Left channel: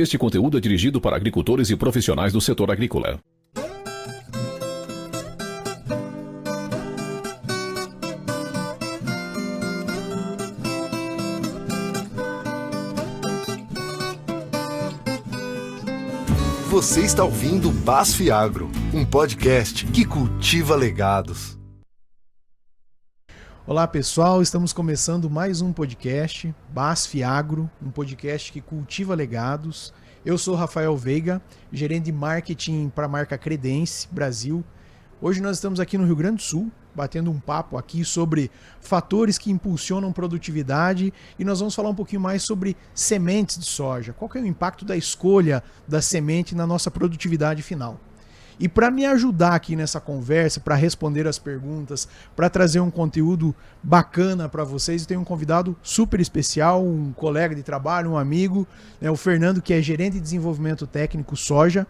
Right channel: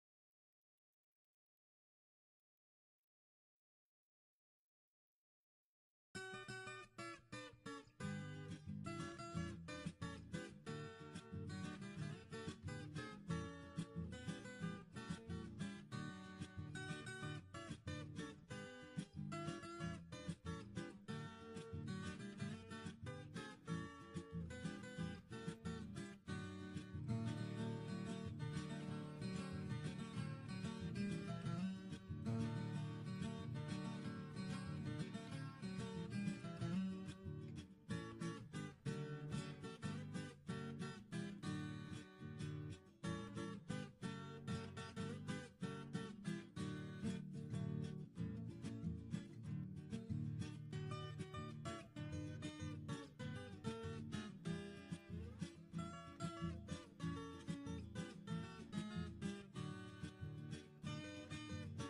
Este conteúdo é dirigido para agricultores e profissionais do setor agrícola. Você está ouvindo BASF Agro, um podcast que cultiva legados. Olá pessoal, estamos começando mais um podcast, BASF Agro, um podcast que cultiva legados. Eu sou Rafael Veiga, gerente de marketing para a marca Credense Brasil. Hoje nós estamos aqui no Rio Grande do Sul, batendo um papo aqui sobre fatores que impulsionam produtividade e nós vamos falar um pouquinho mais sobre sementes de soja. Qual que é o impacto da escolha da semente na nossa produtividade final? E para me ajudar aqui nessa conversa, para responder as perguntas, para trazer um conteúdo bacana para vocês, eu tenho um convidado super especial, um colega de trabalho, um amigo, o Fernando, que é gerente de desenvolvimento técnico soja,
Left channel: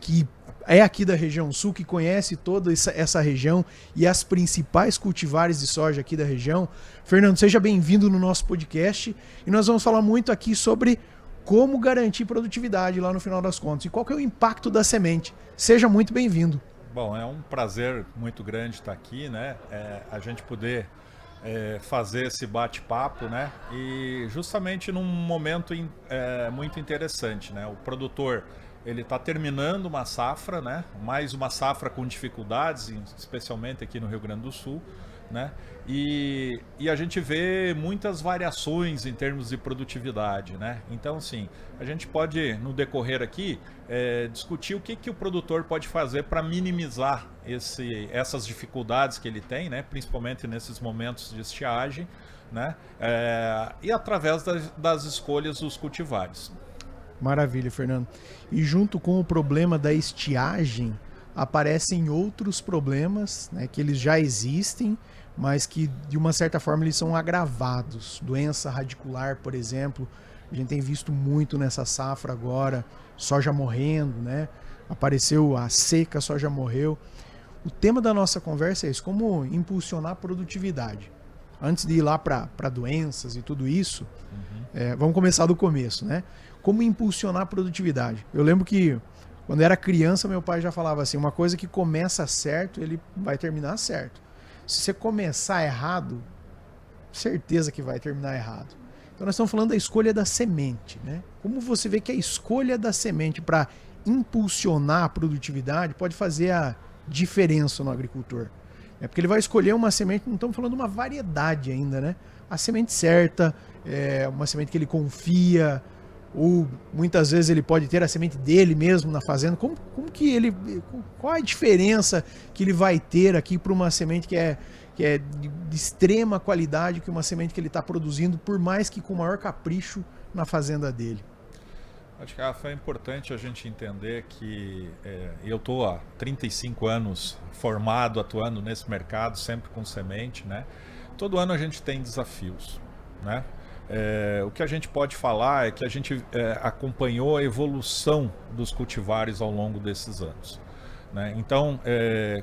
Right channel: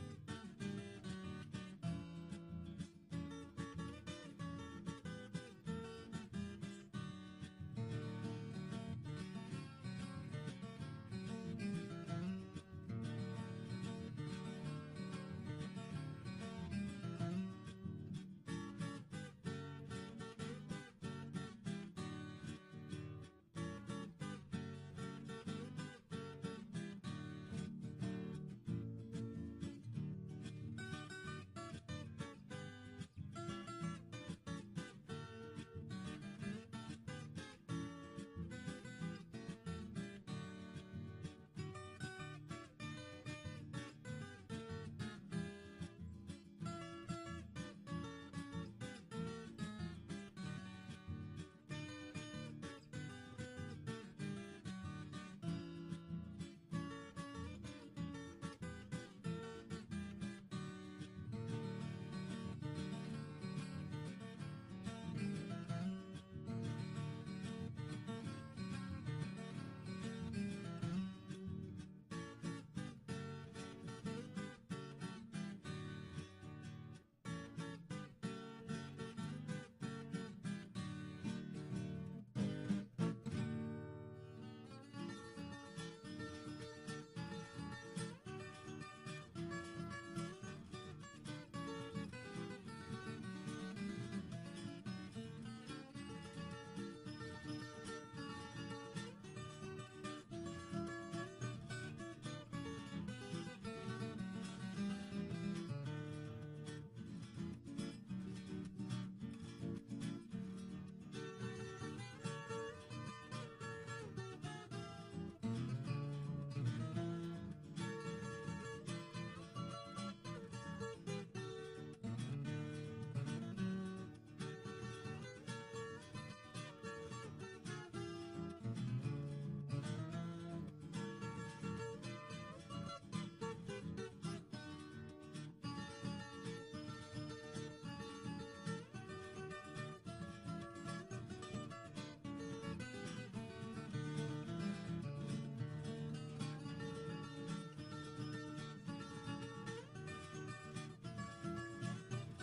que é aqui da região sul, que conhece toda essa região e as principais cultivares de soja aqui da região. Fernando, seja bem-vindo no nosso podcast e nós vamos falar muito aqui sobre como garantir produtividade lá no final das contas e qual que é o impacto da semente. Seja muito bem-vindo. Bom, é um prazer muito grande estar aqui, né? A gente poder fazer esse bate-papo, né? E justamente num momento muito interessante, né? O produtor, ele está terminando uma safra, né? Mais uma safra com dificuldades, especialmente aqui no Rio Grande do Sul, né? E a gente vê muitas variações em termos de produtividade, né? Então, assim, a gente pode, no decorrer aqui, discutir o que o produtor pode fazer para minimizar essas dificuldades que ele tem, né? Principalmente nesses momentos de estiagem, né? E através das escolhas dos cultivares. Maravilha, Fernando. E junto com o problema da estiagem, aparecem outros problemas, né, que eles já existem, mas que de uma certa forma eles são agravados. Doença radicular, por exemplo, a gente tem visto muito nessa safra agora, soja morrendo, né? Apareceu a seca, a soja morreu. O tema da nossa conversa é isso, como impulsionar a produtividade. Antes de ir lá para doenças e tudo isso, vamos começar do começo, né? Como impulsionar a produtividade. Eu lembro que quando eu era criança, meu pai já falava assim, uma coisa que começa certo, ele vai terminar certo. Se você começar errado, certeza que vai terminar errado. Então nós estamos falando da escolha da semente, né? Como você vê que a escolha da semente para impulsionar a produtividade pode fazer a diferença no agricultor. Porque ele vai escolher uma semente, não estamos falando de uma variedade ainda, né? A semente certa, uma semente que ele confia, ou muitas vezes ele pode ter a semente dele mesmo na fazenda. Qual a diferença que ele vai ter aqui para uma semente que é de extrema qualidade, que uma semente que ele está produzindo, por mais que com o maior capricho na fazenda dele? Acho que é importante a gente entender que eu estou há 35 anos formado, atuando nesse mercado, sempre com semente, né? Todo ano a gente tem desafios, né? O que a gente pode falar é que a gente acompanhou a evolução dos cultivares ao longo desses anos, né? Então,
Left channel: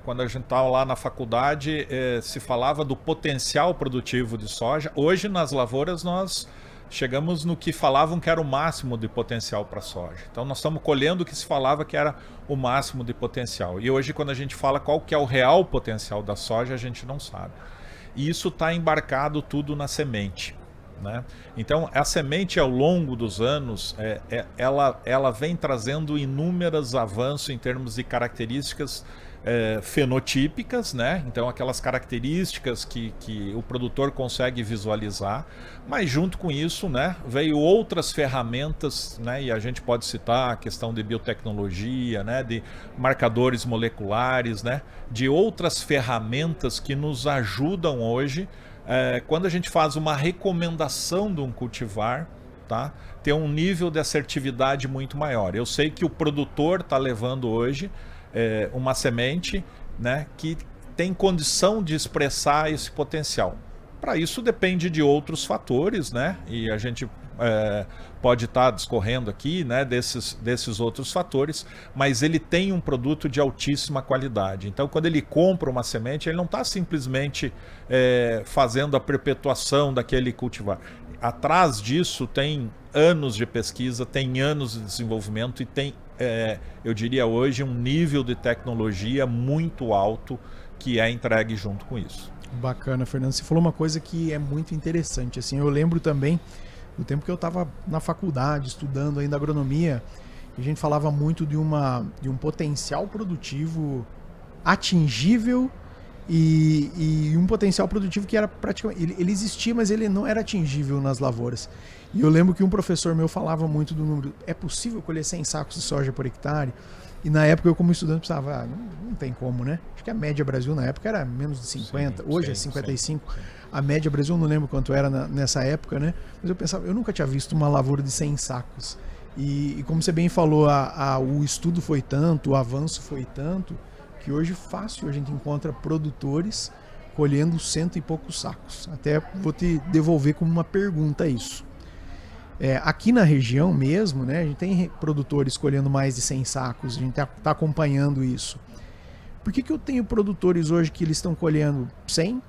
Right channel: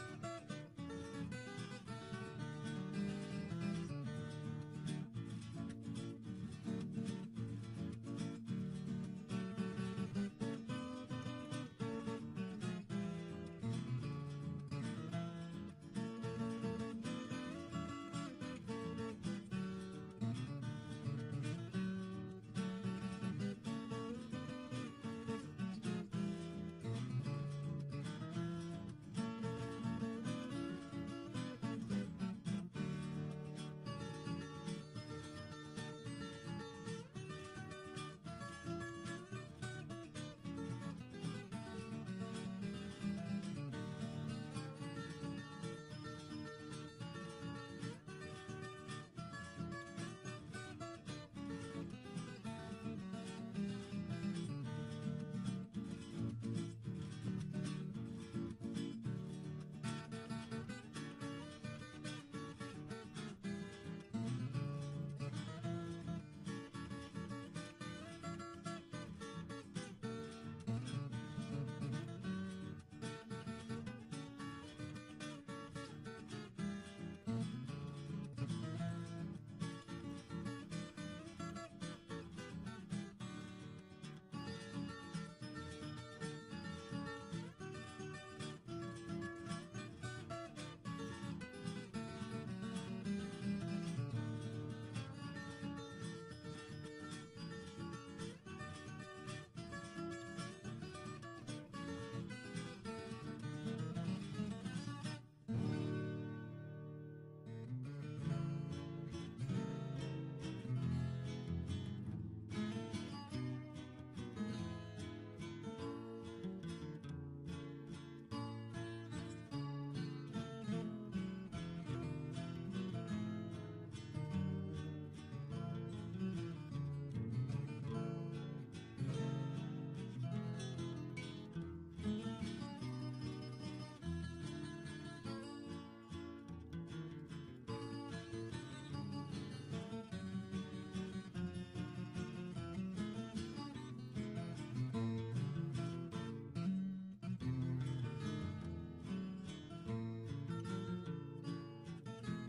quando a gente estava lá na faculdade, se falava do potencial produtivo de soja. Hoje, nas lavouras, nós chegamos no que falavam que era o máximo de potencial para a soja. Então, nós estamos colhendo o que se falava que era o máximo de potencial. E hoje, quando a gente fala qual que é o real potencial da soja, a gente não sabe. E isso está embarcado tudo na semente, né? Então a semente ao longo dos anos ela vem trazendo inúmeros avanços em termos de características fenotípicas, né? Então aquelas características que o produtor consegue visualizar, mas junto com isso, né, veio outras ferramentas, né? E a gente pode citar a questão de biotecnologia, né, de marcadores moleculares, né, de outras ferramentas que nos ajudam hoje. Quando a gente faz uma recomendação de um cultivar, tá, ter um nível de assertividade muito maior. Eu sei que o produtor está levando hoje uma semente, né, que tem condição de expressar esse potencial. Para isso depende de outros fatores, né, e a gente pode estar discorrendo aqui, né, desses outros fatores, mas ele tem um produto de altíssima qualidade. Então, quando ele compra uma semente, ele não está simplesmente fazendo a perpetuação daquele cultivar. atrás disso tem anos de pesquisa, tem anos de desenvolvimento e tem, eu diria hoje, um nível de tecnologia muito alto que é entregue junto com isso. Bacana, Fernando. Você falou uma coisa que é muito interessante. Assim, eu lembro também do tempo que eu estava na faculdade, estudando ainda agronomia, a gente falava muito de um potencial produtivo atingível e um potencial produtivo que era praticamente... Ele existia, mas ele não era atingível nas lavouras. E eu lembro que um professor meu falava muito do número. É possível colher 100 sacos de soja por hectare? E na época eu, como estudante, pensava, não tem como, né? Acho que a média Brasil na época era menos de 50, hoje é 55. Sim. A média Brasil, eu não lembro quanto era nessa época, né? Mas eu pensava, eu nunca tinha visto uma lavoura de 100 sacos. E como você bem falou, o estudo foi tanto, o avanço foi tanto, que hoje fácil a gente encontra produtores colhendo 100 e poucos sacos. Até vou te devolver como uma pergunta isso. Aqui na região mesmo, né, a gente tem produtores colhendo mais de 100 sacos, a gente está acompanhando isso. Por que eu tenho produtores hoje que eles estão colhendo 100,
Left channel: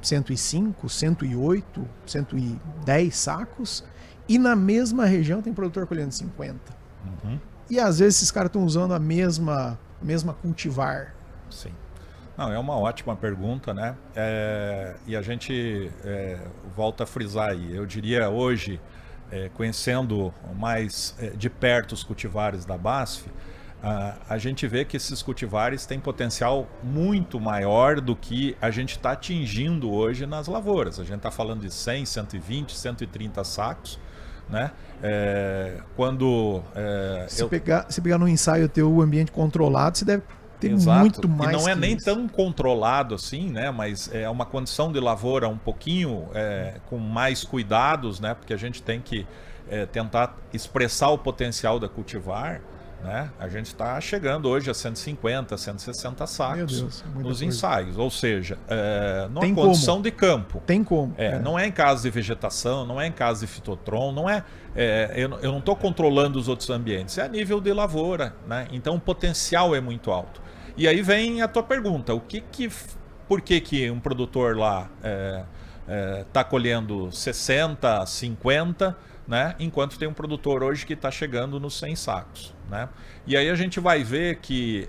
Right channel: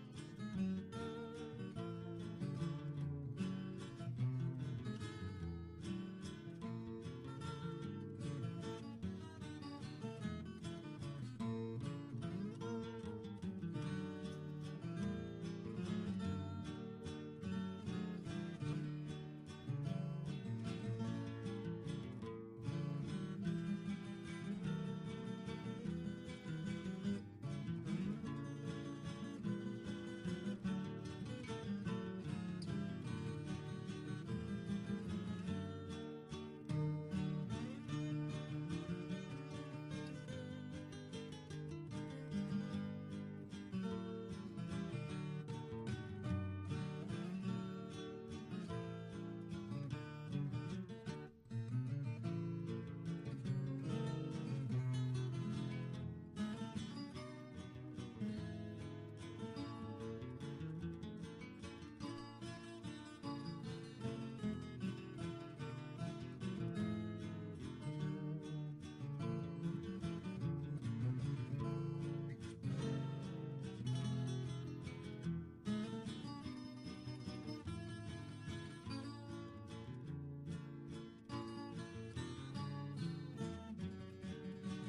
105, 108, 110 sacos e na mesma região tem produtor colhendo 50? Uhum. E às vezes esses caras estão usando a mesma cultivar. Sim. Não, é uma ótima pergunta, né? E a gente volta a frisar aí. Eu diria hoje, conhecendo mais de perto os cultivares da BASF, a gente vê que esses cultivares têm potencial muito maior do que a gente está atingindo hoje nas lavouras. A gente está falando de 100, 120, 130 sacos, né? Se pegar no ensaio teu ambiente controlado, você deve ter muito mais. E não é nem tão controlado assim, né? Mas é uma condição de lavoura um pouquinho com mais cuidados, né? Porque a gente tem que tentar expressar o potencial da cultivar, né? A gente está chegando hoje a 150, 160 sacos nos ensaios. Ou seja, numa condição de campo. Tem como. Não é em caso de vegetação, não é em caso de fitotron, não é... eu não estou controlando os outros ambientes, é a nível de lavoura, né? Então o potencial é muito alto. E aí vem a tua pergunta, por que um produtor lá está colhendo 60, 50, né? Enquanto tem um produtor hoje que está chegando nos 100 sacos, né? E aí a gente vai ver que,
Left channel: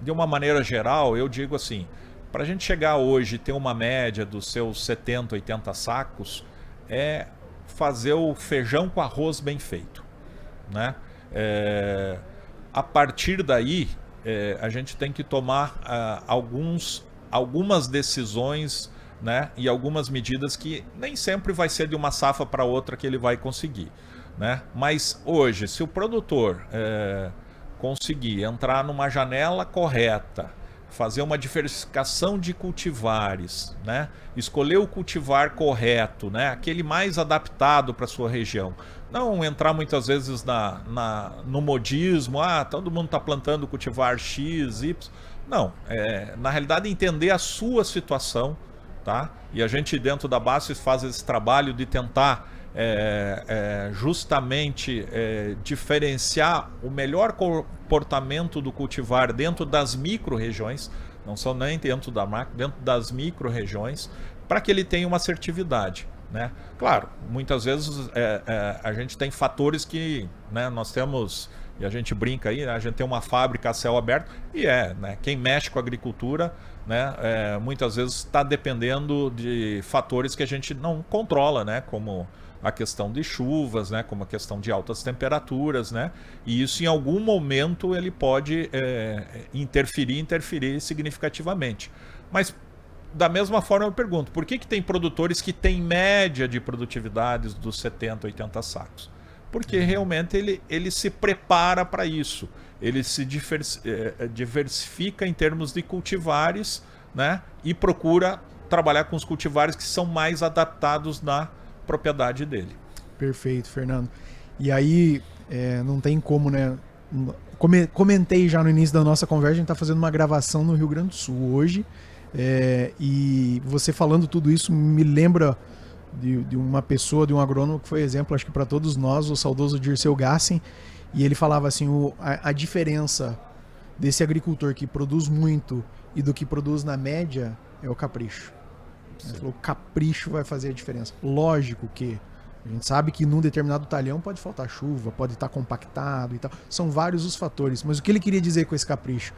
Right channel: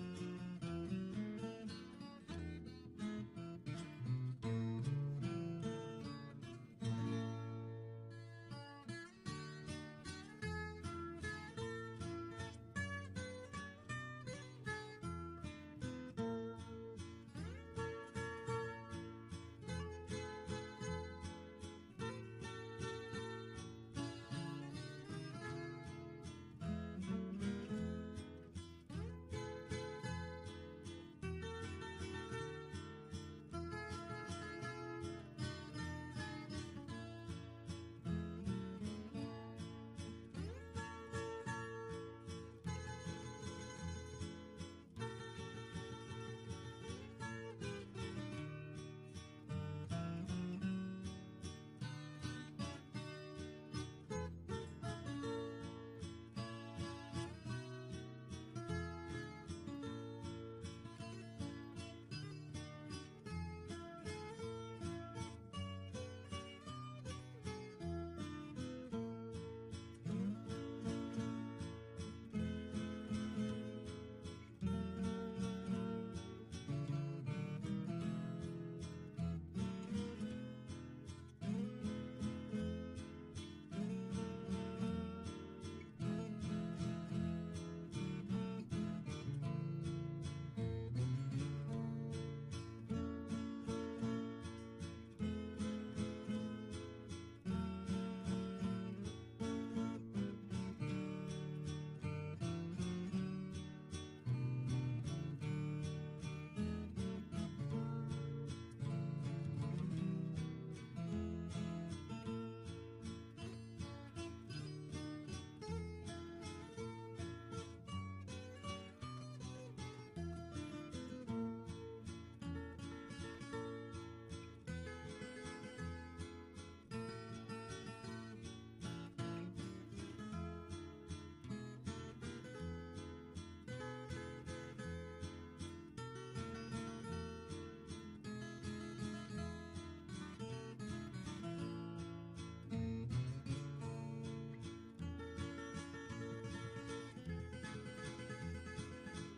de uma maneira geral, eu digo assim, para a gente chegar hoje e ter uma média dos seus 70, 80 sacos, é fazer o feijão com arroz bem feito, né? A partir daí, a gente tem que tomar algumas decisões, né? E algumas medidas que nem sempre vai ser de uma safra para outra que ele vai conseguir, né? Mas hoje, se o produtor conseguir entrar numa janela correta, fazer uma diversificação de cultivares, né? Escolher o cultivar correto, né? Aquele mais adaptado para a sua região. Não entrar muitas vezes no modismo, todo mundo está plantando cultivar X, Y. Não, na realidade entender a sua situação, tá? E a gente dentro da BASF faz esse trabalho de tentar justamente diferenciar o melhor comportamento do cultivar dentro das micro-regiões, não só nem dentro da macro, dentro das micro-regiões, para que ele tenha uma assertividade, né? Claro, muitas vezes a gente tem fatores que, né, nós temos, e a gente brinca aí, né, a gente tem uma fábrica a céu aberto, e né, quem mexe com a agricultura, né, muitas vezes está dependendo de fatores que a gente não controla, né, como a questão de chuvas, né, como a questão de altas temperaturas, né, e isso em algum momento ele pode interferir significativamente. Mas da mesma forma eu pergunto, por que tem produtores que têm média de produtividades dos 70, 80 sacos? Porque realmente ele se prepara para isso, ele se diversifica em termos de cultivares, né, e procura trabalhar com os cultivares que são mais adaptados na propriedade dele. Perfeito, Fernando. E aí, não tem como, né? Comentei já no início da nossa conversa, a gente está fazendo uma gravação no Rio Grande do Sul hoje, e você falando tudo isso me lembra de uma pessoa, de um agrônomo que foi exemplo, acho que para todos nós, o saudoso Dirceu Gassen, e ele falava assim, a diferença desse agricultor que produz muito e do que produz na média é o capricho. Ele falou, o capricho vai fazer a diferença. Lógico que A gente sabe que num determinado talhão pode faltar chuva, pode estar compactado e tal. São vários os fatores. Mas o que ele queria dizer com esse capricho?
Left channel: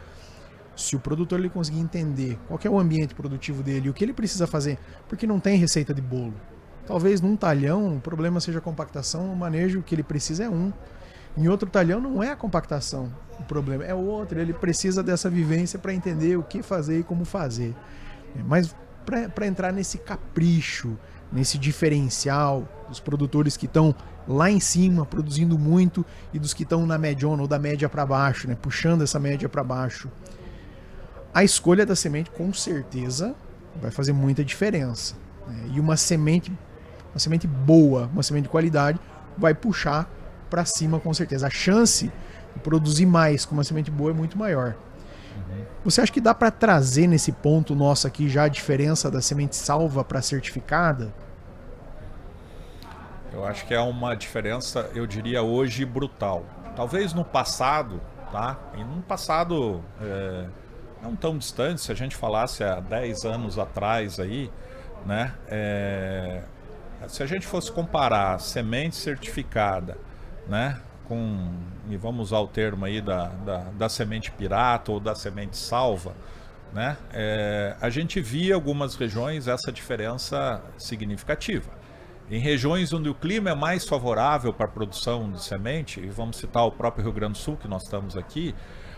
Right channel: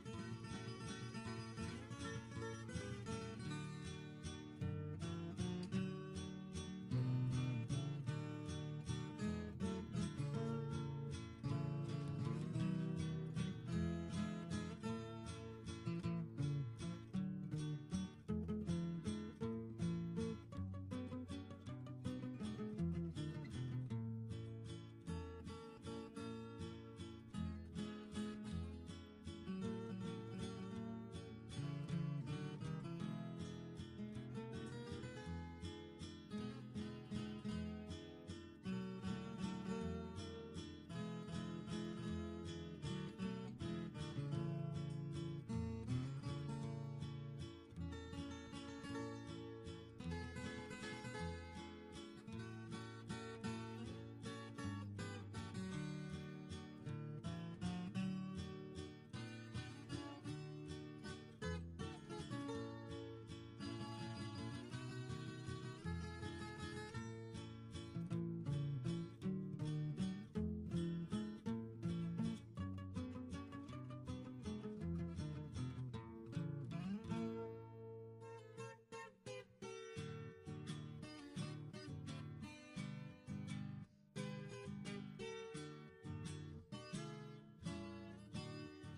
Se o produtor ele conseguir entender qual que é o ambiente produtivo dele e o que ele precisa fazer, porque não tem receita de bolo. Talvez num talhão o problema seja a compactação, o manejo que ele precisa é um. Em outro talhão não é a compactação o problema, é outro. Ele precisa dessa vivência para entender o que fazer e como fazer. Mas para entrar nesse capricho, nesse diferencial dos produtores que estão lá em cima produzindo muito e dos que estão na mediona ou da média para baixo, né, puxando essa média para baixo, a escolha da semente com certeza vai fazer muita diferença, né? E uma semente boa, uma semente de qualidade vai puxar para cima com certeza. A chance de produzir mais com uma semente boa é muito maior. Você acha que dá para trazer nesse ponto nosso aqui já a diferença da semente salva para certificada? Eu acho que é uma diferença, eu diria hoje, brutal. Talvez no passado, tá? E num passado não tão distante, se a gente falasse há 10 anos atrás aí, né? Se a gente fosse comparar semente certificada, né? E vamos usar o termo aí da semente pirata ou da semente salva, né? A gente via algumas regiões essa diferença significativa. Em regiões onde o clima é mais favorável para a produção de semente, e vamos citar o próprio Rio Grande do Sul, que nós estamos aqui,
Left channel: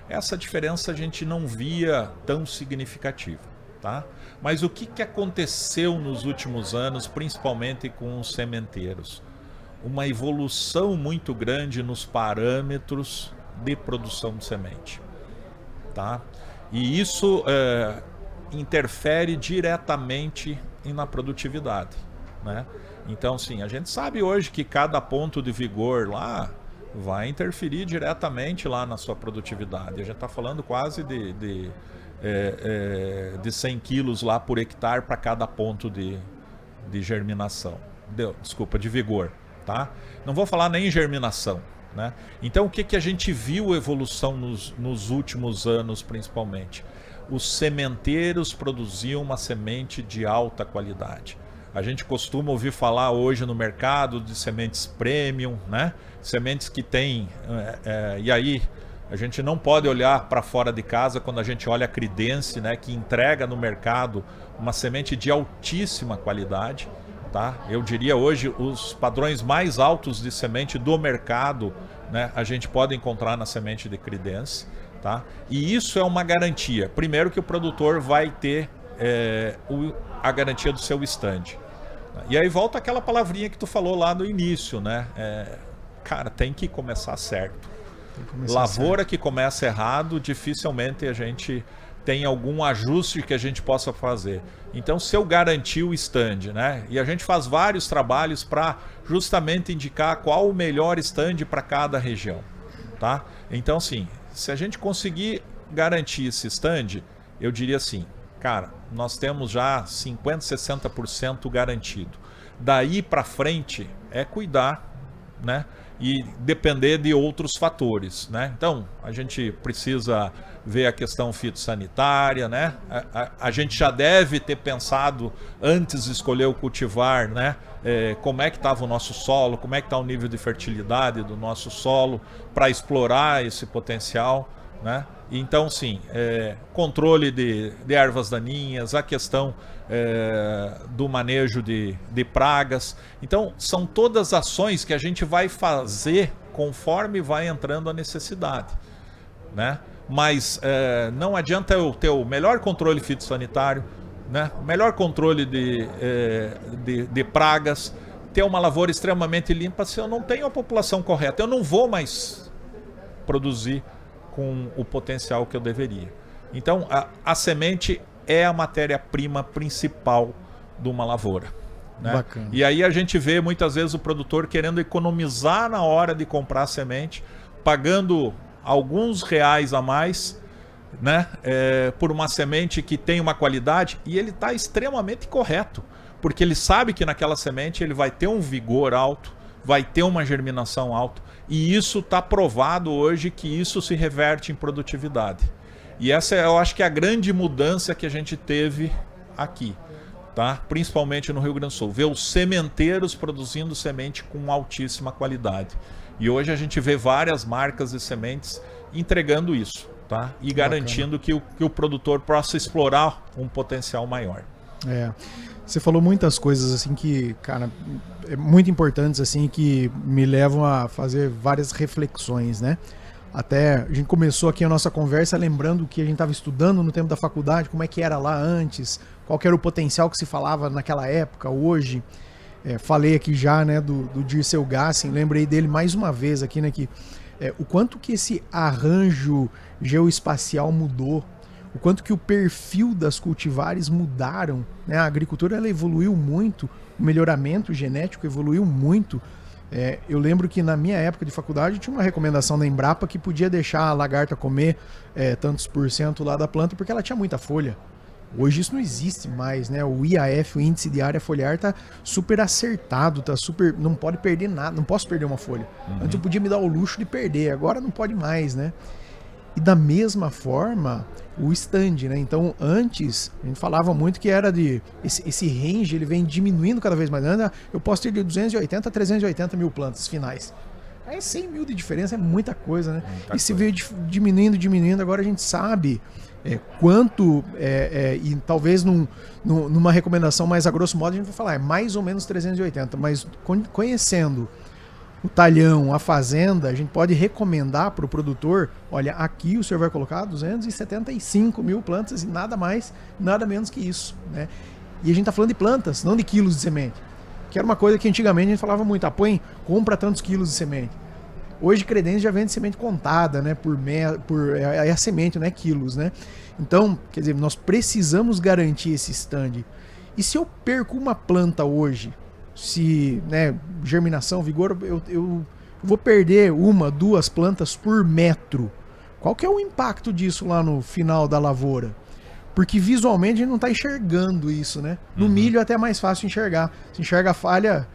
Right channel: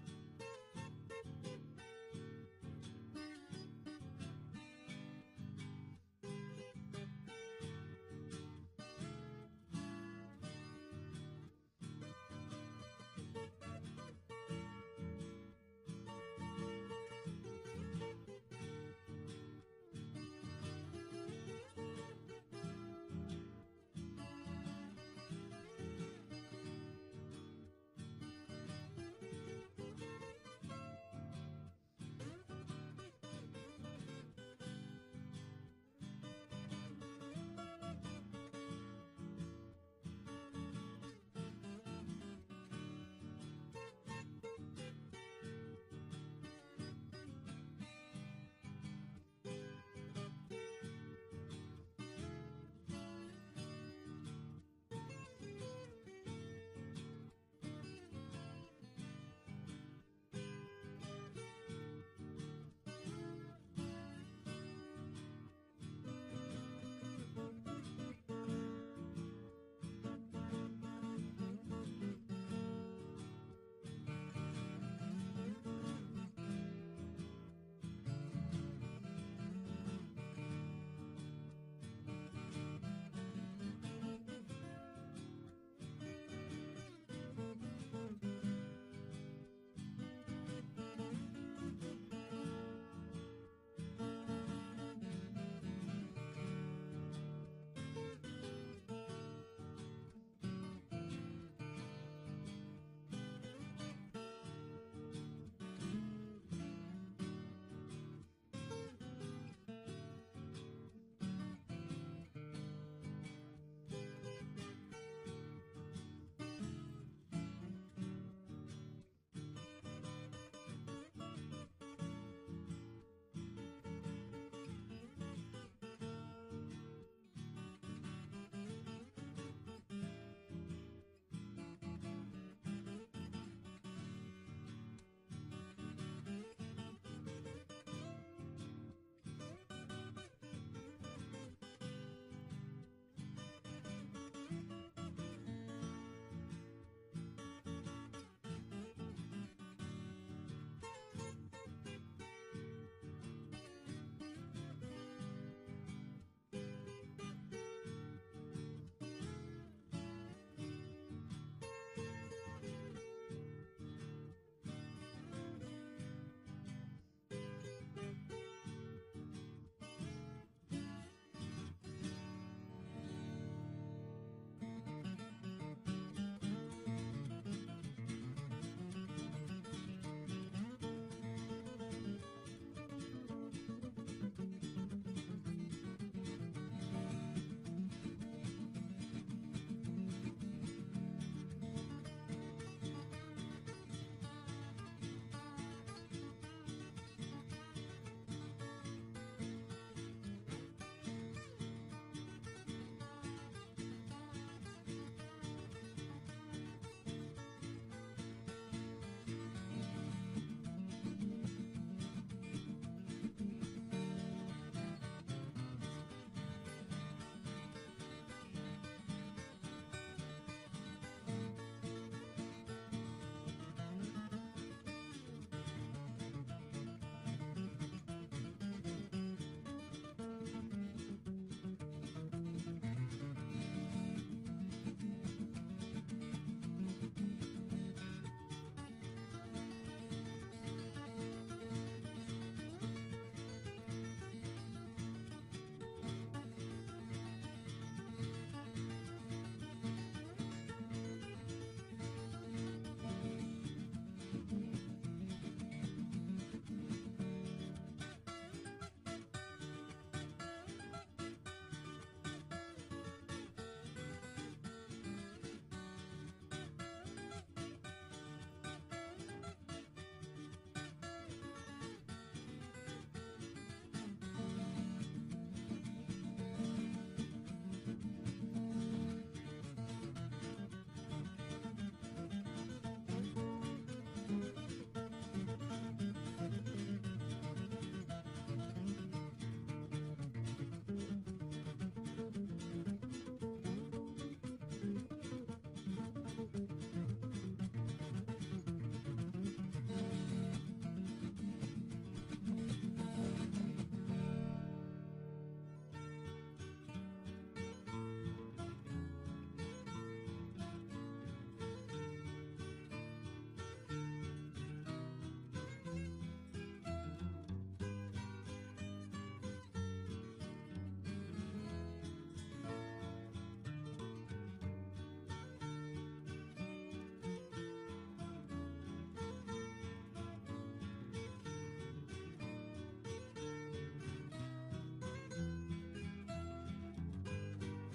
essa diferença a gente não via tão significativa, tá? Mas o que aconteceu nos últimos anos, principalmente com os sementeiros? Uma evolução muito grande nos parâmetros de produção de semente, tá? E isso interfere diretamente na produtividade, né? Então, sim, a gente sabe hoje que cada ponto de vigor lá vai interferir diretamente lá na sua produtividade. A gente está falando quase de 100 quilos lá por hectare para cada ponto de germinação. Desculpa, de vigor, tá? Não vou falar nem em germinação, né? Então, o que a gente viu evolução nos últimos anos, principalmente? Os sementeiros produziam uma semente de alta qualidade. A gente costuma ouvir falar hoje no mercado de sementes premium, né? Sementes que tem... e aí, a gente não pode olhar para fora de casa quando a gente olha a Credence, né? Que entrega no mercado uma semente de altíssima qualidade, tá? Eu diria hoje, os padrões mais altos de semente do mercado, né? A gente pode encontrar na semente de Credence, tá? E isso é uma garantia. Primeiro que o produtor vai ter a garantia do seu stand. E aí volta aquela palavrinha que tu falou lá no início, né? Cara, tem que começar certo. Lavoura que começa errado, dificilmente a gente tem algum ajuste que a gente possa fazer. Então, se eu garantir o stand, né? E a gente faz vários trabalhos para justamente indicar qual o melhor stand para cada região, tá? Então, sim, se a gente conseguir garantir esse stand, eu diria assim, cara, nós temos já 50%, 60% garantido. Daí para frente é cuidar, né? E depender de outros fatores, né? Então, a gente precisa ver a questão fitossanitária, né? A gente já deve ter pensado antes de escolher o cultivar, né? Como é que estava o nosso solo, como é que está o nível de fertilidade do nosso solo para explorar esse potencial, né? Então, sim, controle de ervas daninhas, a questão do manejo de pragas. Então, são todas ações que a gente vai fazer conforme vai entrando a necessidade, né? Mas não adianta eu ter o melhor controle fitossanitário, né? O melhor controle de pragas, ter uma lavoura extremamente limpa se eu não tenho a população correta. Eu não vou mais produzir com o potencial que eu deveria. Então, a semente é a matéria-prima principal de uma lavoura, né? Bacana. E aí a gente vê muitas vezes o produtor querendo economizar na hora de comprar a semente, pagando alguns reais a mais, né? Por uma semente que tem uma qualidade, e ele está extremamente correto, porque ele sabe que naquela semente ele vai ter um vigor alto, vai ter uma germinação alta. E isso está provado hoje que isso se reverte em produtividade. E essa eu acho que é a grande mudança que a gente teve aqui. tá? Principalmente no Rio Grande do Sul, ver os sementeiros produzindo semente com altíssima qualidade. E hoje a gente vê várias marcas de sementes entregando isso, tá? E garantindo que o produtor possa explorar um potencial maior. Você falou muitas coisas assim que, cara, muito importantes assim, que me levam a fazer várias reflexões, né? Até a gente começou aqui a nossa conversa lembrando que a gente estava estudando no tempo da faculdade, como é que era lá antes, qual que era o potencial que se falava naquela época, hoje. Falei aqui já, né, do Dirceu Gassin, lembrei dele mais uma vez aqui, né, que o quanto que esse arranjo geoespacial mudou, o quanto que o perfil das cultivares mudaram, né? A agricultura ela evoluiu muito, o melhoramento genético evoluiu muito. Eu lembro que na minha época de faculdade tinha uma recomendação da Embrapa que podia deixar a lagarta comer tantos % lá da planta porque ela tinha muita folha. Hoje isso não existe mais, né? O IAF, o índice de área foliar, tá super acertado, tá super, não pode perder nada, não posso perder uma folha. Antes eu podia me dar o luxo de perder, agora não pode mais, né? E da mesma forma, o stand, né? Então, antes, a gente falava muito que era de... Esse range, ele vem diminuindo cada vez mais. Eu posso ter de 280 a 380 mil plantas finais. Aí 100 mil de diferença é muita coisa, né? E se veio diminuindo, agora a gente sabe quanto... e talvez numa recomendação mais a grosso modo, a gente vai falar, mais ou menos 380. Mas conhecendo o talhão, a fazenda, a gente pode recomendar para o produtor, olha, aqui o senhor vai colocar 275 mil plantas e nada mais, nada menos que isso, né? E a gente está falando de plantas, não de quilos de semente, que era uma coisa que antigamente a gente falava muito, compra tantos quilos de semente. Hoje Credence já vende semente contada, né, a semente, não é quilos, né? Então, quer dizer, nós precisamos garantir esse stand. E se eu perco uma planta hoje, se, né, germinação, vigor, eu vou perder 1, 2 plantas por metro. Qual que é o impacto disso lá no final da lavoura? Porque visualmente a gente não está enxergando isso, né? No milho é até mais fácil enxergar. Se enxerga a falha,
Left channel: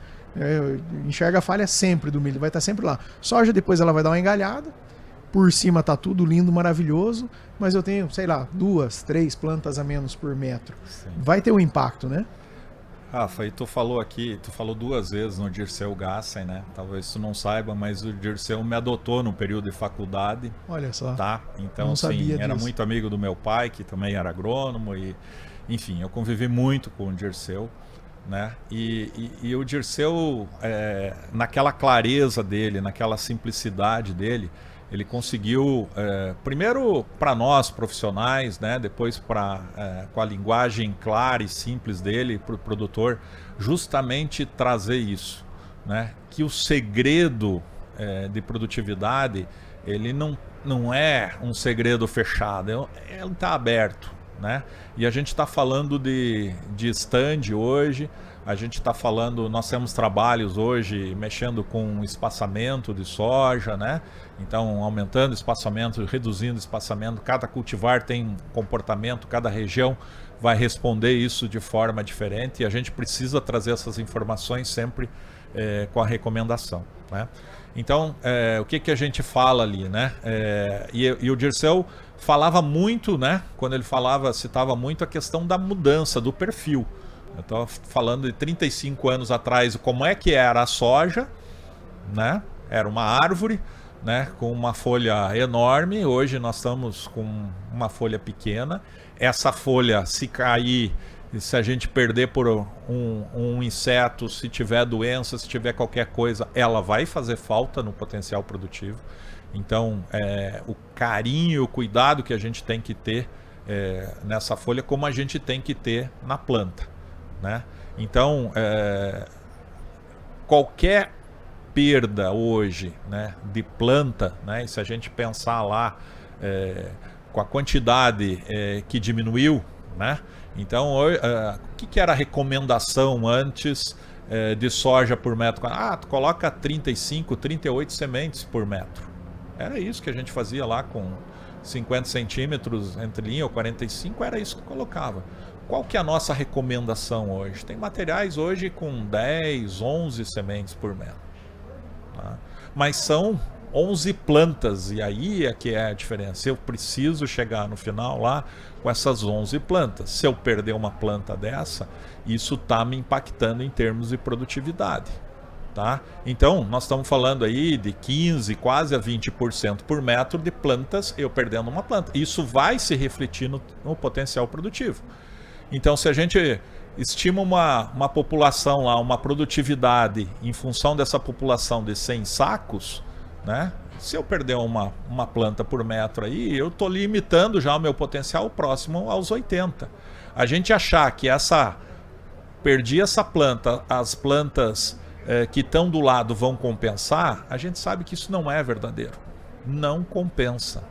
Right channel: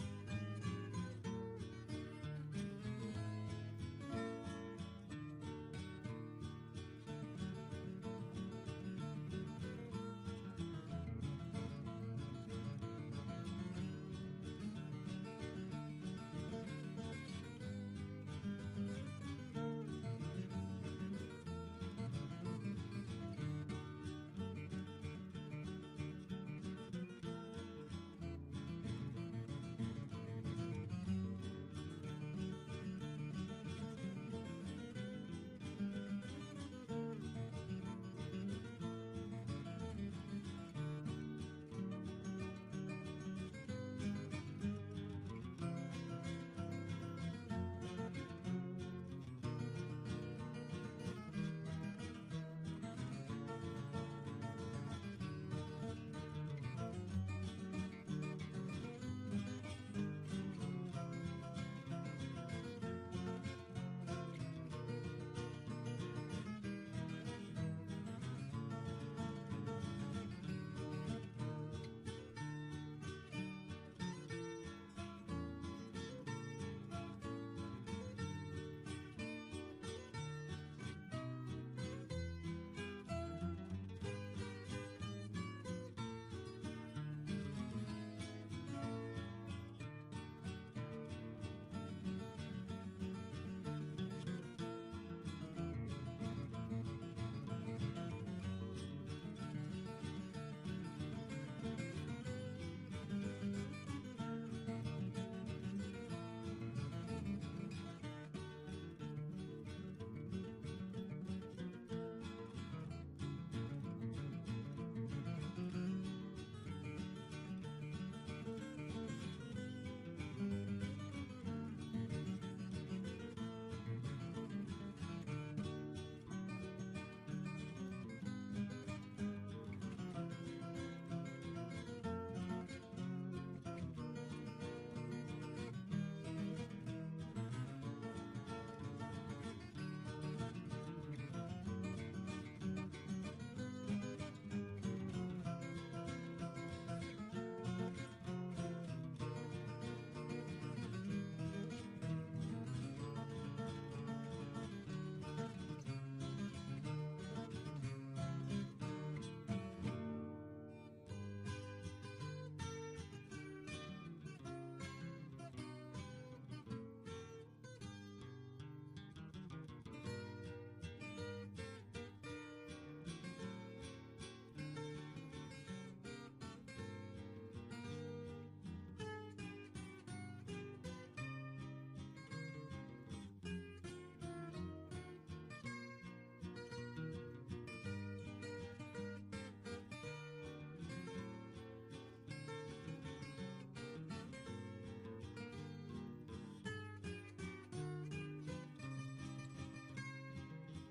enxerga a falha sempre do milho, vai estar sempre lá. Soja depois ela vai dar uma engalhada, por cima tá tudo lindo, maravilhoso, mas eu tenho, sei lá, 2, 3 plantas a menos por metro. Sim. Vai ter um impacto, né? Rafa, e tu falou 2 vezes no Dirceu Gassin, né? Talvez tu não saiba, mas o Dirceu me adotou no período de faculdade. Olha só. Tá? Então, assim, era muito amigo do meu pai, que também era agrônomo, e enfim, eu convivi muito com o Dirceu, né? E o Dirceu, naquela clareza dele, naquela simplicidade dele, ele conseguiu, primeiro para nós profissionais, né, depois com a linguagem clara e simples dele para o produtor, justamente trazer isso, né, que o segredo de produtividade, ele não é um segredo fechado, ele está aberto, né? E a gente está falando de stand hoje, a gente está falando, nós temos trabalhos hoje mexendo com espaçamento de soja, né? Então, aumentando espaçamento, reduzindo espaçamento, cada cultivar tem um comportamento, cada região vai responder isso de forma diferente e a gente precisa trazer essas informações sempre com a recomendação, né? Então, o que a gente fala ali, né? E o Dirceu falava muito, né? Quando ele citava muito a questão da mudança do perfil. Eu estava falando de 35 anos atrás, como é que era a soja, né? Era uma árvore, né, com uma folha enorme. Hoje nós estamos com uma folha pequena. Essa folha, se cair, se a gente perder por um inseto, se tiver doença, se tiver qualquer coisa, ela vai fazer falta no potencial produtivo. Então, o carinho, o cuidado que a gente tem que ter nessa folha, como a gente tem que ter na planta, né? Então, qualquer perda hoje, né, de planta, né, e se a gente pensar lá com a quantidade que diminuiu, né? Então, o que era a recomendação antes de soja por metro? Tu coloca 35, 38 sementes por metro. Era isso que a gente fazia lá com 50 centímetros entre linha ou 45, era isso que colocava. Qual que é a nossa recomendação hoje? Tem materiais hoje com 10, 11 sementes por metro. Mas são 11 plantas, e aí é que é a diferença. Eu preciso chegar no final lá com essas 11 plantas. Se eu perder uma planta dessa, isso está me impactando em termos de produtividade. Tá? Então, nós estamos falando aí de 15%, quase a 20% por metro de plantas, eu perdendo uma planta. Isso vai se refletir no potencial produtivo. Então, se a gente estima uma população lá, uma produtividade em função dessa população de 100 sacos, né? Se eu perder uma planta por metro aí, eu estou limitando já o meu potencial próximo aos 80. A gente achar que perdi essa planta, as plantas que estão do lado vão compensar, a gente sabe que isso não é verdadeiro. Não compensa.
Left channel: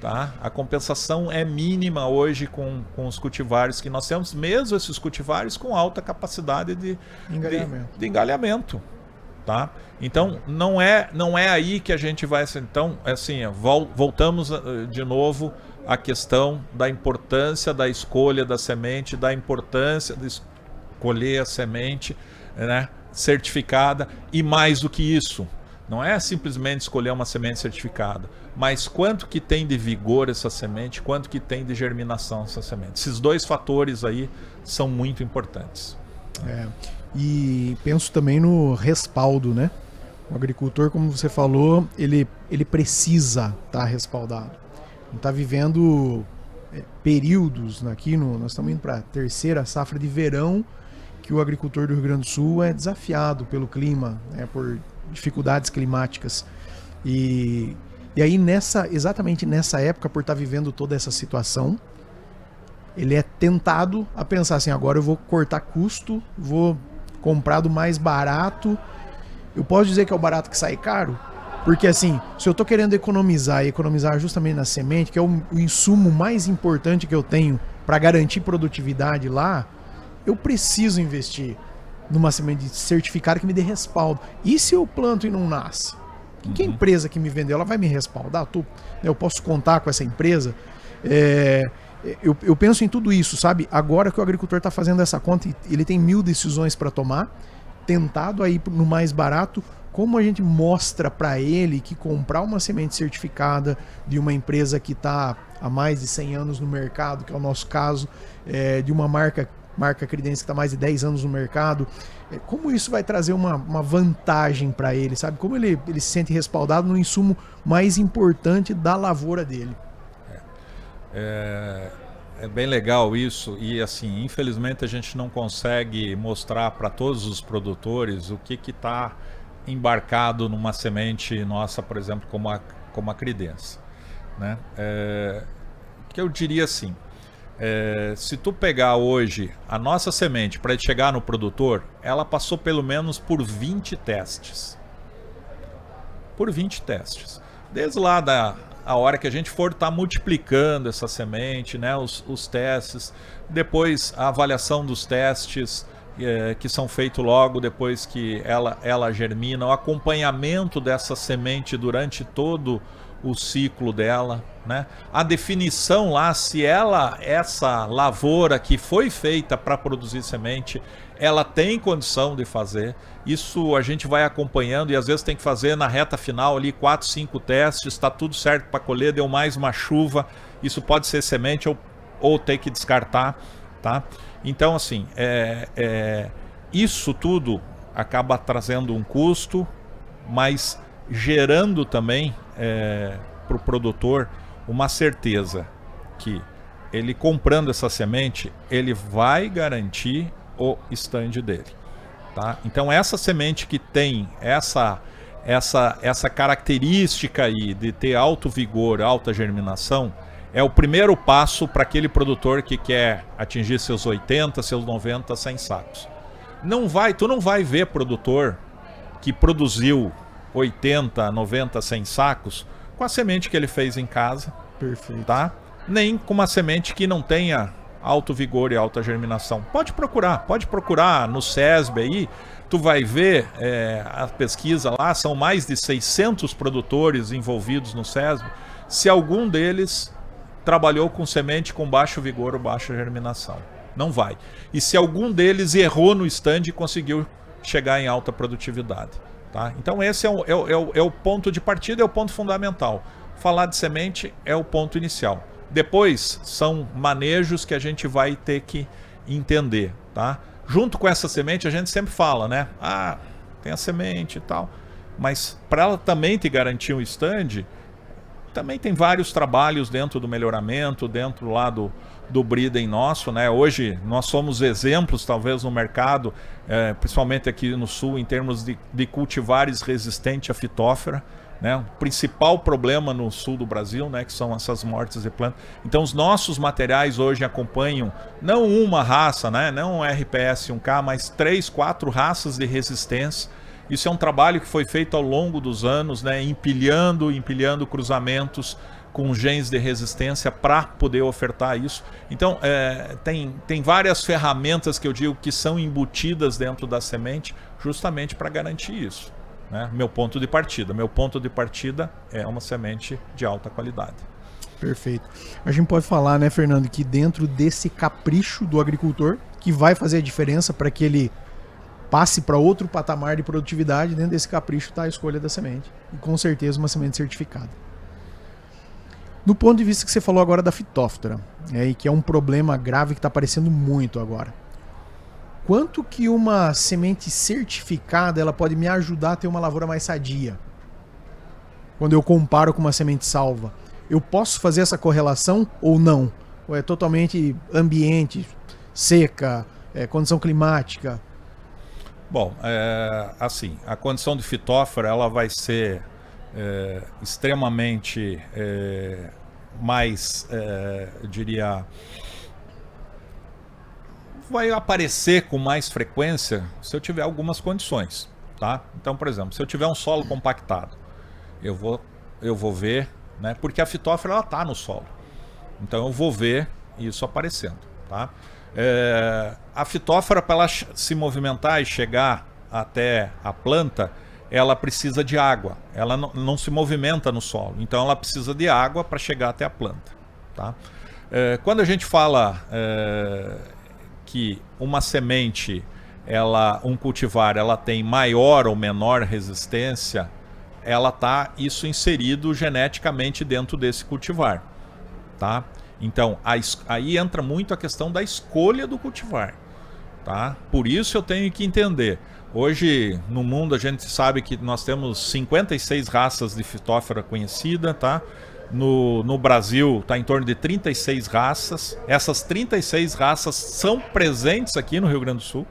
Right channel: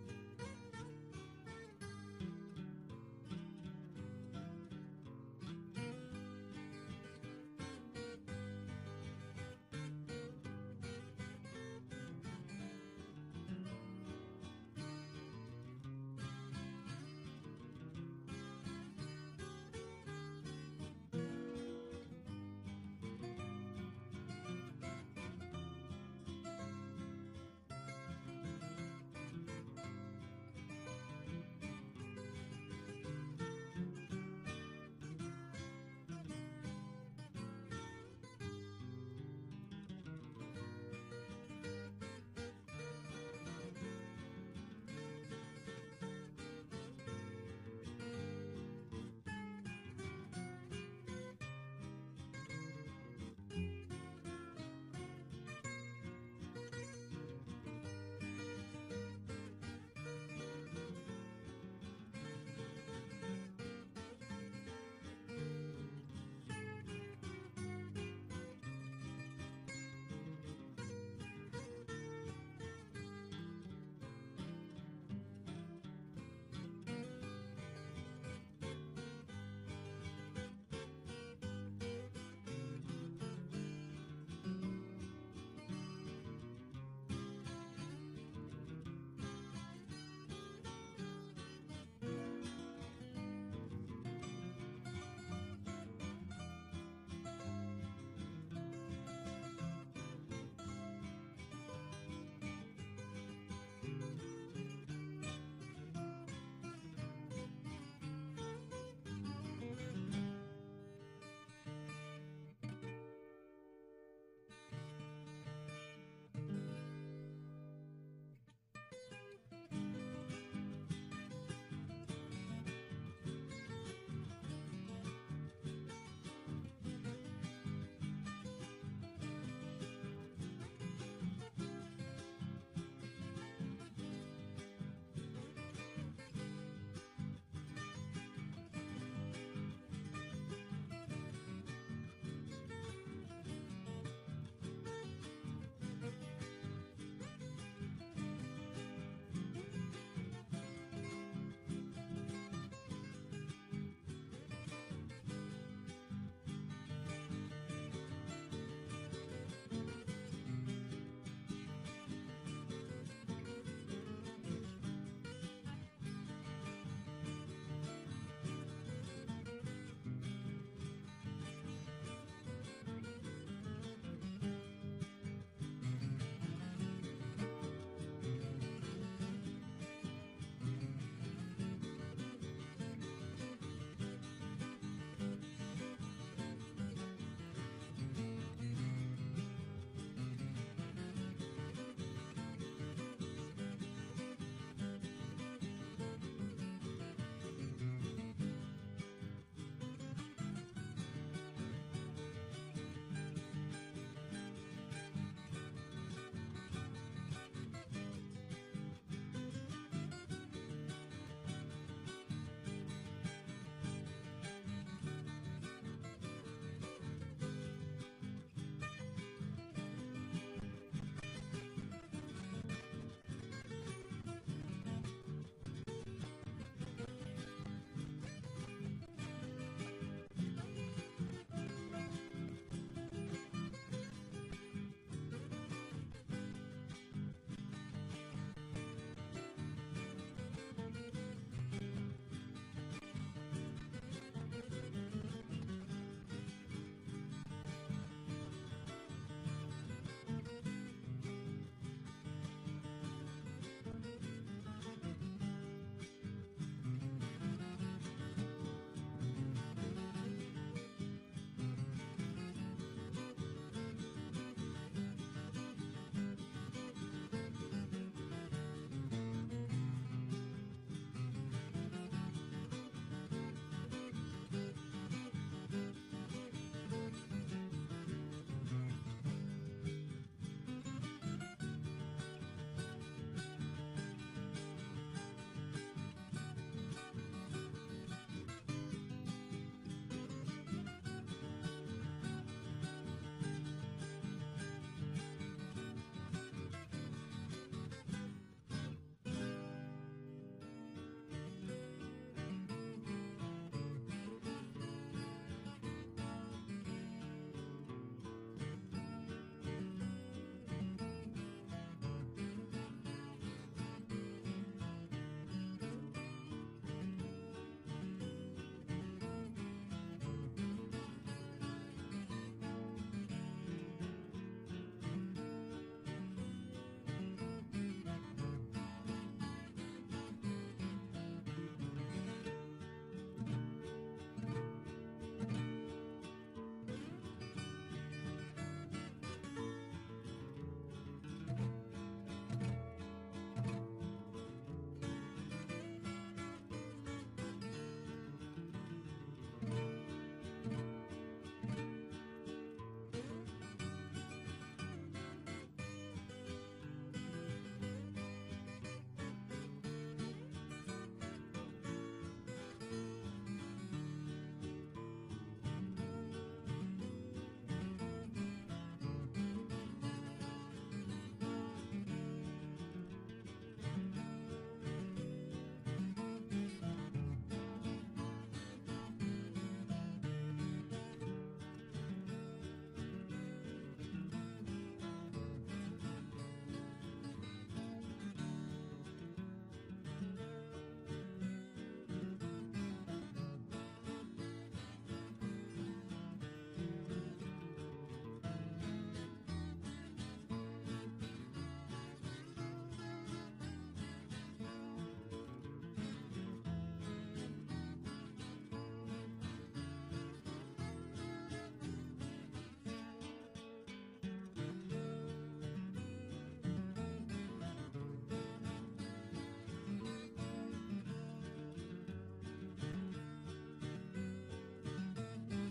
Tá? A compensação é mínima hoje com os cultivares que nós temos, mesmo esses cultivares com alta capacidade de engalhamento. Tá? Então, não é aí que a gente vai... Então, assim, voltamos de novo à questão da importância da escolha da semente, da importância de escolher a semente, né, certificada, e mais do que isso, não é simplesmente escolher uma semente certificada, mas quanto que tem de vigor essa semente, quanto que tem de germinação essa semente. Esses dois fatores aí são muito importantes. E penso também no respaldo, né? O agricultor, como você falou, ele precisa estar respaldado. Não está vivendo períodos aqui, nós estamos indo para a terceira safra de verão, que o agricultor do Rio Grande do Sul é desafiado pelo clima, né, por dificuldades climáticas. E aí, exatamente nessa época, por estar vivendo toda essa situação, ele é tentado a pensar assim, agora eu vou cortar custo, vou comprar do mais barato. Eu posso dizer que é o barato que sai caro? Porque assim, se eu estou querendo economizar justamente na semente, que é o insumo mais importante que eu tenho para garantir produtividade lá, eu preciso investir numa semente certificada que me dê respaldo. E se eu planto e não nasce? Que a empresa que me vendeu, ela vai me respaldar? Eu posso contar com essa empresa? Eu penso em tudo isso, sabe? Agora que o agricultor está fazendo essa conta, ele tem 1000 decisões para tomar, tentado aí no mais barato, como a gente mostra para ele que comprar uma semente certificada de uma empresa que está há mais de 100 anos no mercado, que é o nosso caso, de uma marca Credense que está mais de 10 anos no mercado, como isso vai trazer uma vantagem para ele, sabe? Como ele se sente respaldado no insumo mais importante da lavoura dele. É bem legal isso, e assim, infelizmente a gente não consegue mostrar para todos os produtores o que está embarcado numa semente nossa, por exemplo, como a Credense, né? Que eu diria assim, se tu pegar hoje a nossa semente para chegar no produtor, ela passou pelo menos por 20 testes. Por 20 testes. Desde lá a hora que a gente for estar multiplicando essa semente, né, os testes, depois a avaliação dos testes que são feitos logo depois que ela germina, o acompanhamento dessa semente durante todo o ciclo dela, né? A definição lá se essa lavoura que foi feita para produzir semente, ela tem condição de fazer. Isso a gente vai acompanhando e às vezes tem que fazer na reta final ali 4, 5 testes, está tudo certo para colher, deu mais uma chuva, isso pode ser semente ou ter que descartar, tá? Então assim, isso tudo acaba trazendo um custo, mas gerando também para o produtor uma certeza que ele comprando essa semente, ele vai garantir o stand dele, tá? Então essa semente que tem essa característica aí de ter alto vigor, alta germinação, é o primeiro passo para aquele produtor que quer atingir seus 80, seus 90, 100 sacos. Tu não vai ver produtor que produziu 80, 90, 100 sacos com a semente que ele fez em casa. Perfeito. Tá? Nem com uma semente que não tenha alto vigor e alta germinação. Pode procurar no SESB aí, tu vai ver a pesquisa lá, são mais de 600 produtores envolvidos no SESB, se algum deles trabalhou com semente com baixo vigor ou baixa germinação. Não vai. E se algum deles errou no stand e conseguiu chegar em alta produtividade. Tá? Então esse é o ponto de partida, é o ponto fundamental. Falar de semente é o ponto inicial. Depois são manejos que a gente vai ter que entender. Tá? Junto com essa semente a gente sempre fala, né? Ah, tem a semente e tal. Mas para ela também te garantir um stand, também tem vários trabalhos dentro do melhoramento, dentro lá do breeding nosso, né? Hoje nós somos exemplos talvez no mercado, principalmente aqui no sul, em termos de cultivares resistentes à fitófora, né? O principal problema no sul do Brasil, né, que são essas mortes de plantas. Então os nossos materiais hoje acompanham não uma raça, né, não um RPS 1K, mas 3, 4 raças de resistência. Isso é um trabalho que foi feito ao longo dos anos, né, empilhando cruzamentos com genes de resistência para poder ofertar isso. Então, tem várias ferramentas que eu digo que são embutidas dentro da semente justamente para garantir isso. Né? Meu ponto de partida é uma semente de alta qualidade. Perfeito. A gente pode falar, né, Fernando, que dentro desse capricho do agricultor, que vai fazer a diferença para que ele passe para outro patamar de produtividade, dentro desse capricho está a escolha da semente. E com certeza uma semente certificada. No ponto de vista que você falou agora da fitóftora, e que é um problema grave que está aparecendo muito agora. Quanto que uma semente certificada ela pode me ajudar a ter uma lavoura mais sadia? Quando eu comparo com uma semente salva. Eu posso fazer essa correlação ou não? Ou é totalmente ambiente, seca, condição climática? Bom, assim, a condição de fitófora ela vai ser extremamente mais, eu diria, vai aparecer com mais frequência se eu tiver algumas condições, tá? Então, por exemplo, se eu tiver um solo compactado, eu vou ver, né? Porque a fitófora ela tá no solo, então eu vou ver isso aparecendo, tá? A fitófora, para ela se movimentar e chegar até a planta, ela precisa de água. Ela não se movimenta no solo, então ela precisa de água para chegar até a planta, tá? Quando a gente fala que uma semente, um cultivar, ela tem maior ou menor resistência, ela tá isso inserido geneticamente dentro desse cultivar, tá? Então, aí entra muito a questão da escolha do cultivar, tá? Por isso eu tenho que entender. Hoje, no mundo, a gente sabe que nós temos 56 raças de fitófora conhecida, tá? No Brasil, está em torno de 36 raças. Essas 36 raças são presentes aqui no Rio Grande do Sul.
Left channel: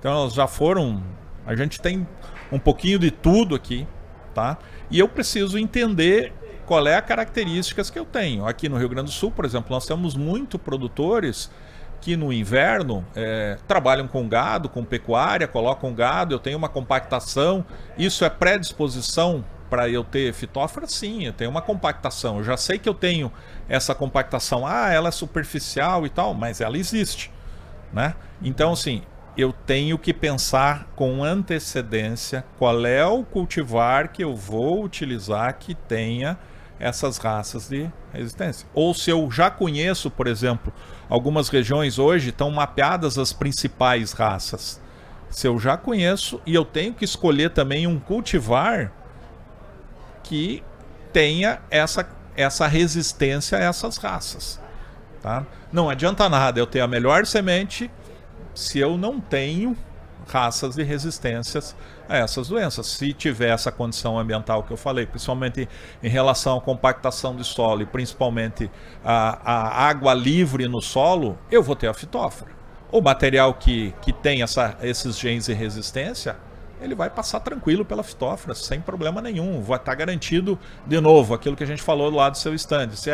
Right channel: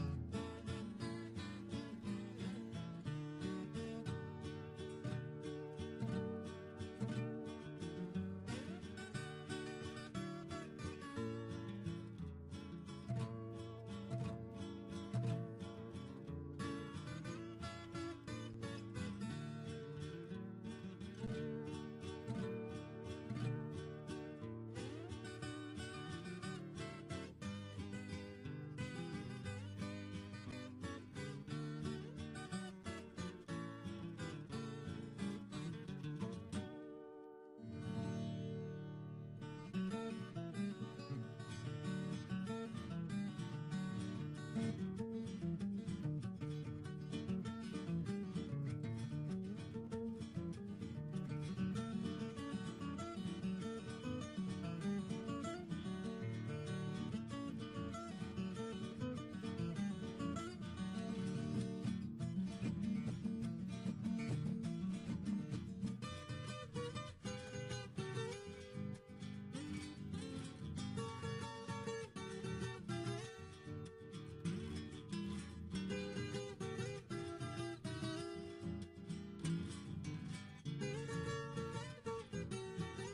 Então, elas já foram... A gente tem um pouquinho de tudo aqui, tá? E eu preciso entender qual é a características que eu tenho. Aqui no Rio Grande do Sul, por exemplo, nós temos muitos produtores que no inverno trabalham com gado, com pecuária, colocam gado, eu tenho uma compactação. Isso é predisposição para eu ter fitófora? Sim, eu tenho uma compactação. Eu já sei que eu tenho essa compactação. Ela é superficial e tal, mas ela existe, né? Então, assim, eu tenho que pensar com antecedência qual é o cultivar que eu vou utilizar que tenha essas raças de resistência. Ou se eu já conheço, por exemplo, algumas regiões hoje estão mapeadas as principais raças. Se eu já conheço e eu tenho que escolher também um cultivar que tenha essa resistência a essas raças, tá? Não adianta nada eu ter a melhor semente se eu não tenho raças de resistências a essas doenças. Se tiver essa condição ambiental que eu falei, principalmente em relação à compactação de solo e principalmente a água livre no solo, eu vou ter a fitófora. O material que tem esses genes de resistência, ele vai passar tranquilo pela fitófora, sem problema nenhum. Vai estar garantido, de novo, aquilo que a gente falou lá do seu stand. Se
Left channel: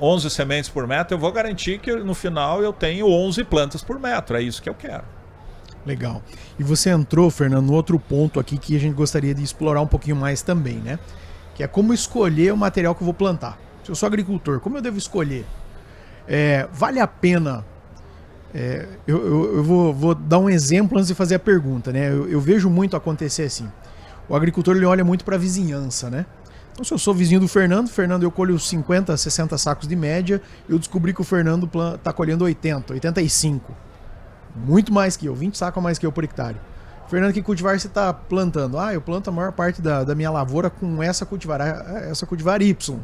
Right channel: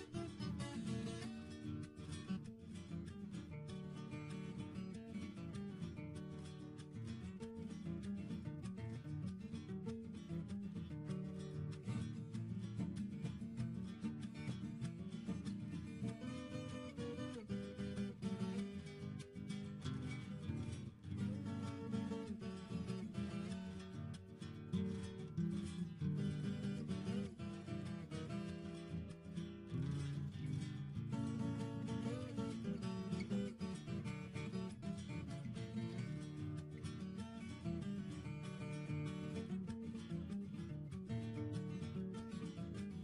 11 sementes por metro, eu vou garantir que no final eu tenho 11 plantas por metro. É isso que eu quero. Legal. E você entrou, Fernando, no outro ponto aqui que a gente gostaria de explorar um pouquinho mais também, né? Que é como escolher o material que eu vou plantar. Se eu sou agricultor, como eu devo escolher? Vale a pena... eu vou dar um exemplo antes de fazer a pergunta, né? Eu vejo muito acontecer assim. O agricultor ele olha muito para a vizinhança, né? Então, se eu sou vizinho do Fernando, eu colho 50, 60 sacos de média, eu descobri que o Fernando está colhendo 80, 85. Muito mais que eu, 20 sacos a mais que eu por hectare. Fernando, que cultivar você está plantando? Eu planto a maior parte da minha lavoura com essa cultivar Y.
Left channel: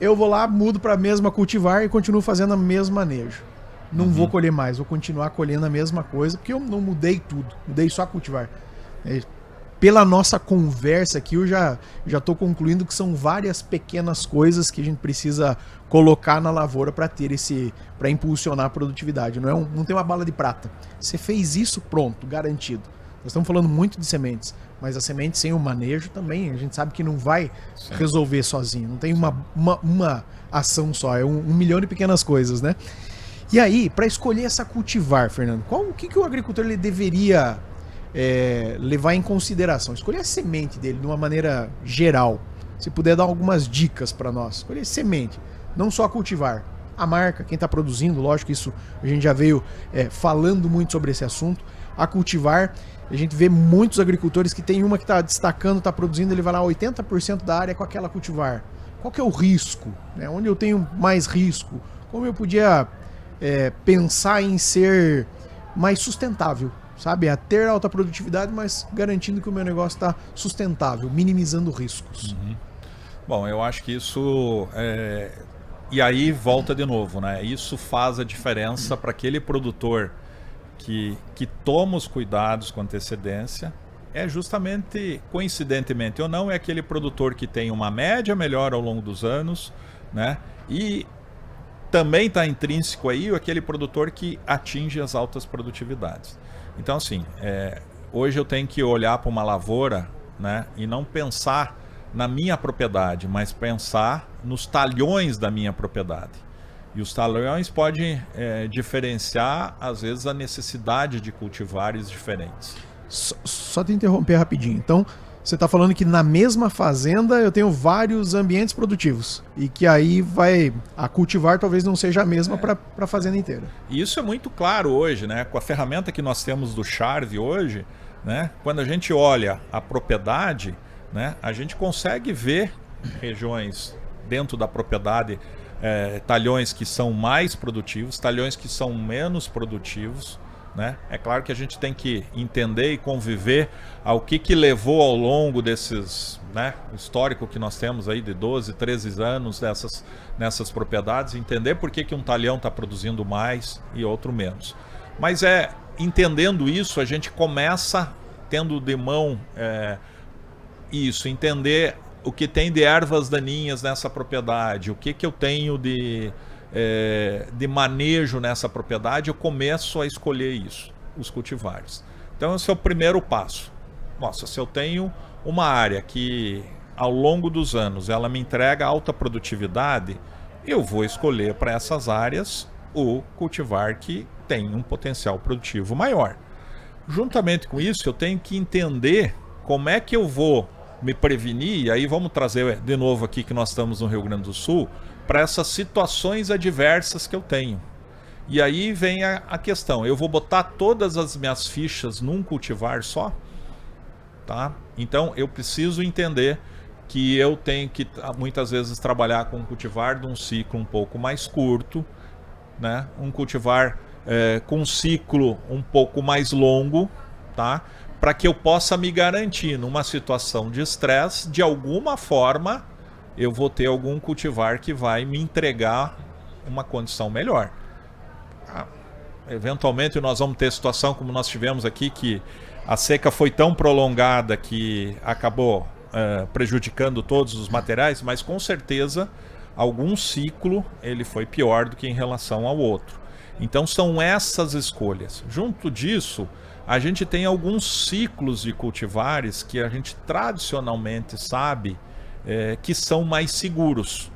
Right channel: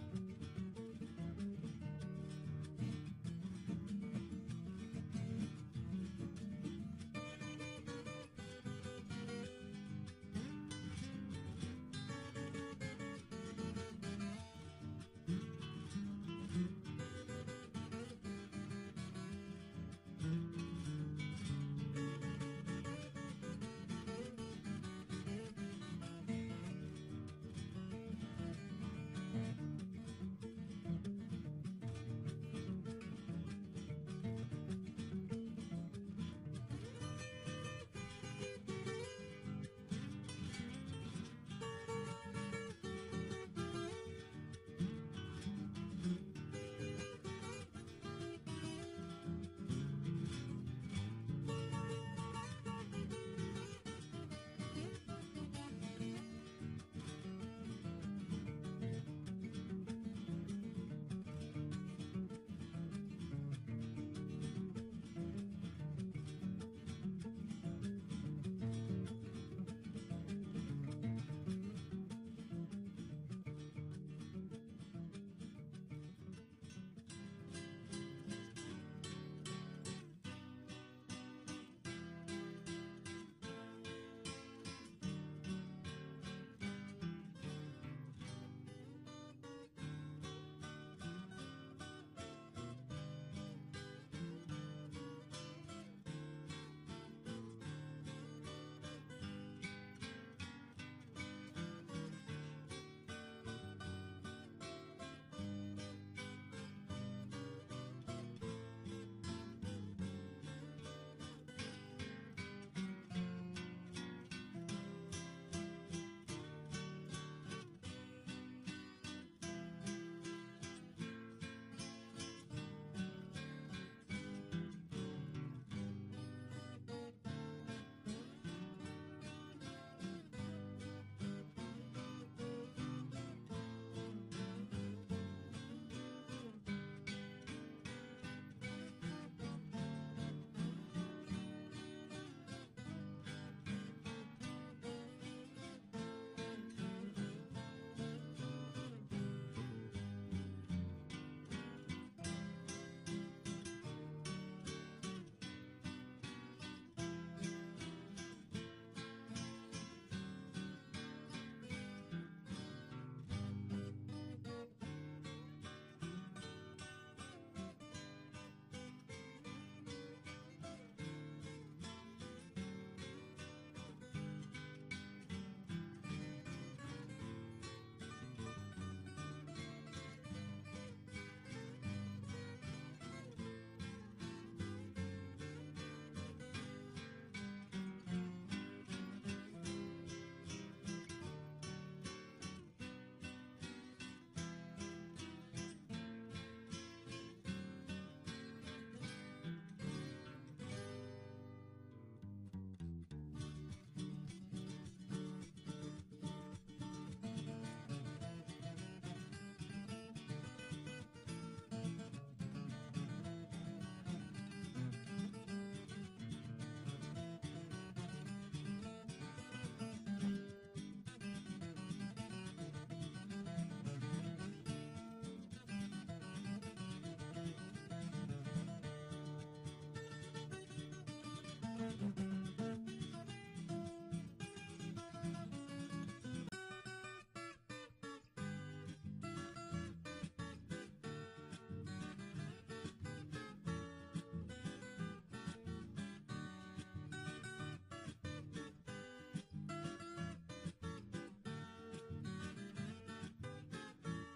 Eu vou lá, mudo para a mesma cultivar e continuo fazendo o mesmo manejo. Não vou colher mais, vou continuar colhendo a mesma coisa, porque eu não mudei tudo, mudei só a cultivar. Pela nossa conversa aqui, eu já estou concluindo que são várias pequenas coisas que a gente precisa colocar na lavoura para impulsionar a produtividade. Não tem uma bala de prata. Você fez isso, pronto, garantido. Nós estamos falando muito de sementes, mas a semente sem o manejo também, a gente sabe que não vai resolver sozinho. Não tem uma ação só, é um milhão de pequenas coisas, né? E aí, para escolher essa cultivar, Fernando, o que o agricultor ele deveria levar em consideração? Escolher a semente dele de uma maneira geral. Se puder dar algumas dicas para nós. Escolher semente, não só a cultivar. A marca, quem está produzindo, lógico que isso a gente já veio falando muito sobre esse assunto. A cultivar, a gente vê muitos agricultores que tem uma que está destacando, está produzindo, ele vai lá 80% da área com aquela cultivar. Qual que é o risco? Onde eu tenho mais risco? Como eu podia pensar em ser mais sustentável? Sabe? A ter alta produtividade, mas garantindo que o meu negócio está sustentável, minimizando riscos. Bom, eu acho que isso... E aí volta de novo, né? Isso faz a diferença para aquele produtor que toma os cuidados com antecedência. Justamente, coincidentemente ou não, é aquele produtor que tem uma média melhor ao longo dos anos, né? E também está intrínseco aí aquele produtor que atinge as altas produtividades. Então, assim, hoje eu tenho que olhar para uma lavoura, né, e não pensar na minha propriedade, mas pensar nos talhões da minha propriedade. E os talhões podem diferenciar, às vezes, a necessidade de cultivares diferentes. Só te interromper rapidinho. Então, você está falando que na mesma fazenda eu tenho vários ambientes produtivos e que aí a cultivar talvez não seja a mesma para a fazenda inteira. E isso é muito claro hoje, né? Com a ferramenta que nós temos do Charve hoje, né? Quando a gente olha a propriedade, né? A gente consegue ver regiões dentro da propriedade, talhões que são mais produtivos, talhões que são menos produtivos, né? É claro que a gente tem que entender e conviver ao que levou ao longo desses, né, histórico que nós temos aí de 12, 13 anos nessas propriedades, entender por que um talhão está produzindo mais e outro menos. Mas entendendo isso, a gente começa tendo de mão entender o que tem de ervas daninhas nessa propriedade, o que eu tenho de manejo nessa propriedade, eu começo a escolher isso, os cultivares. Então esse é o primeiro passo. Nossa, se eu tenho uma área que ao longo dos anos ela me entrega alta produtividade, eu vou escolher para essas áreas o cultivar que tem um potencial produtivo maior. Juntamente com isso, eu tenho que entender como é que eu vou me prevenir, e aí vamos trazer de novo aqui que nós estamos no Rio Grande do Sul, para essas situações adversas que eu tenho. E aí vem a questão, eu vou botar todas as minhas fichas num cultivar só? Tá? Então eu preciso entender que eu tenho que muitas vezes trabalhar com um cultivar de um ciclo um pouco mais curto, né? Um cultivar com um ciclo um pouco mais longo, tá? Para que eu possa me garantir numa situação de estresse, de alguma forma eu vou ter algum cultivar que vai me entregar uma condição melhor. Eventualmente nós vamos ter situação como nós tivemos aqui, que a seca foi tão prolongada que acabou prejudicando todos os materiais, mas com certeza algum ciclo ele foi pior do que em relação ao outro. Então são essas escolhas. Junto disso, a gente tem alguns ciclos de cultivares que a gente tradicionalmente sabe que são mais seguros.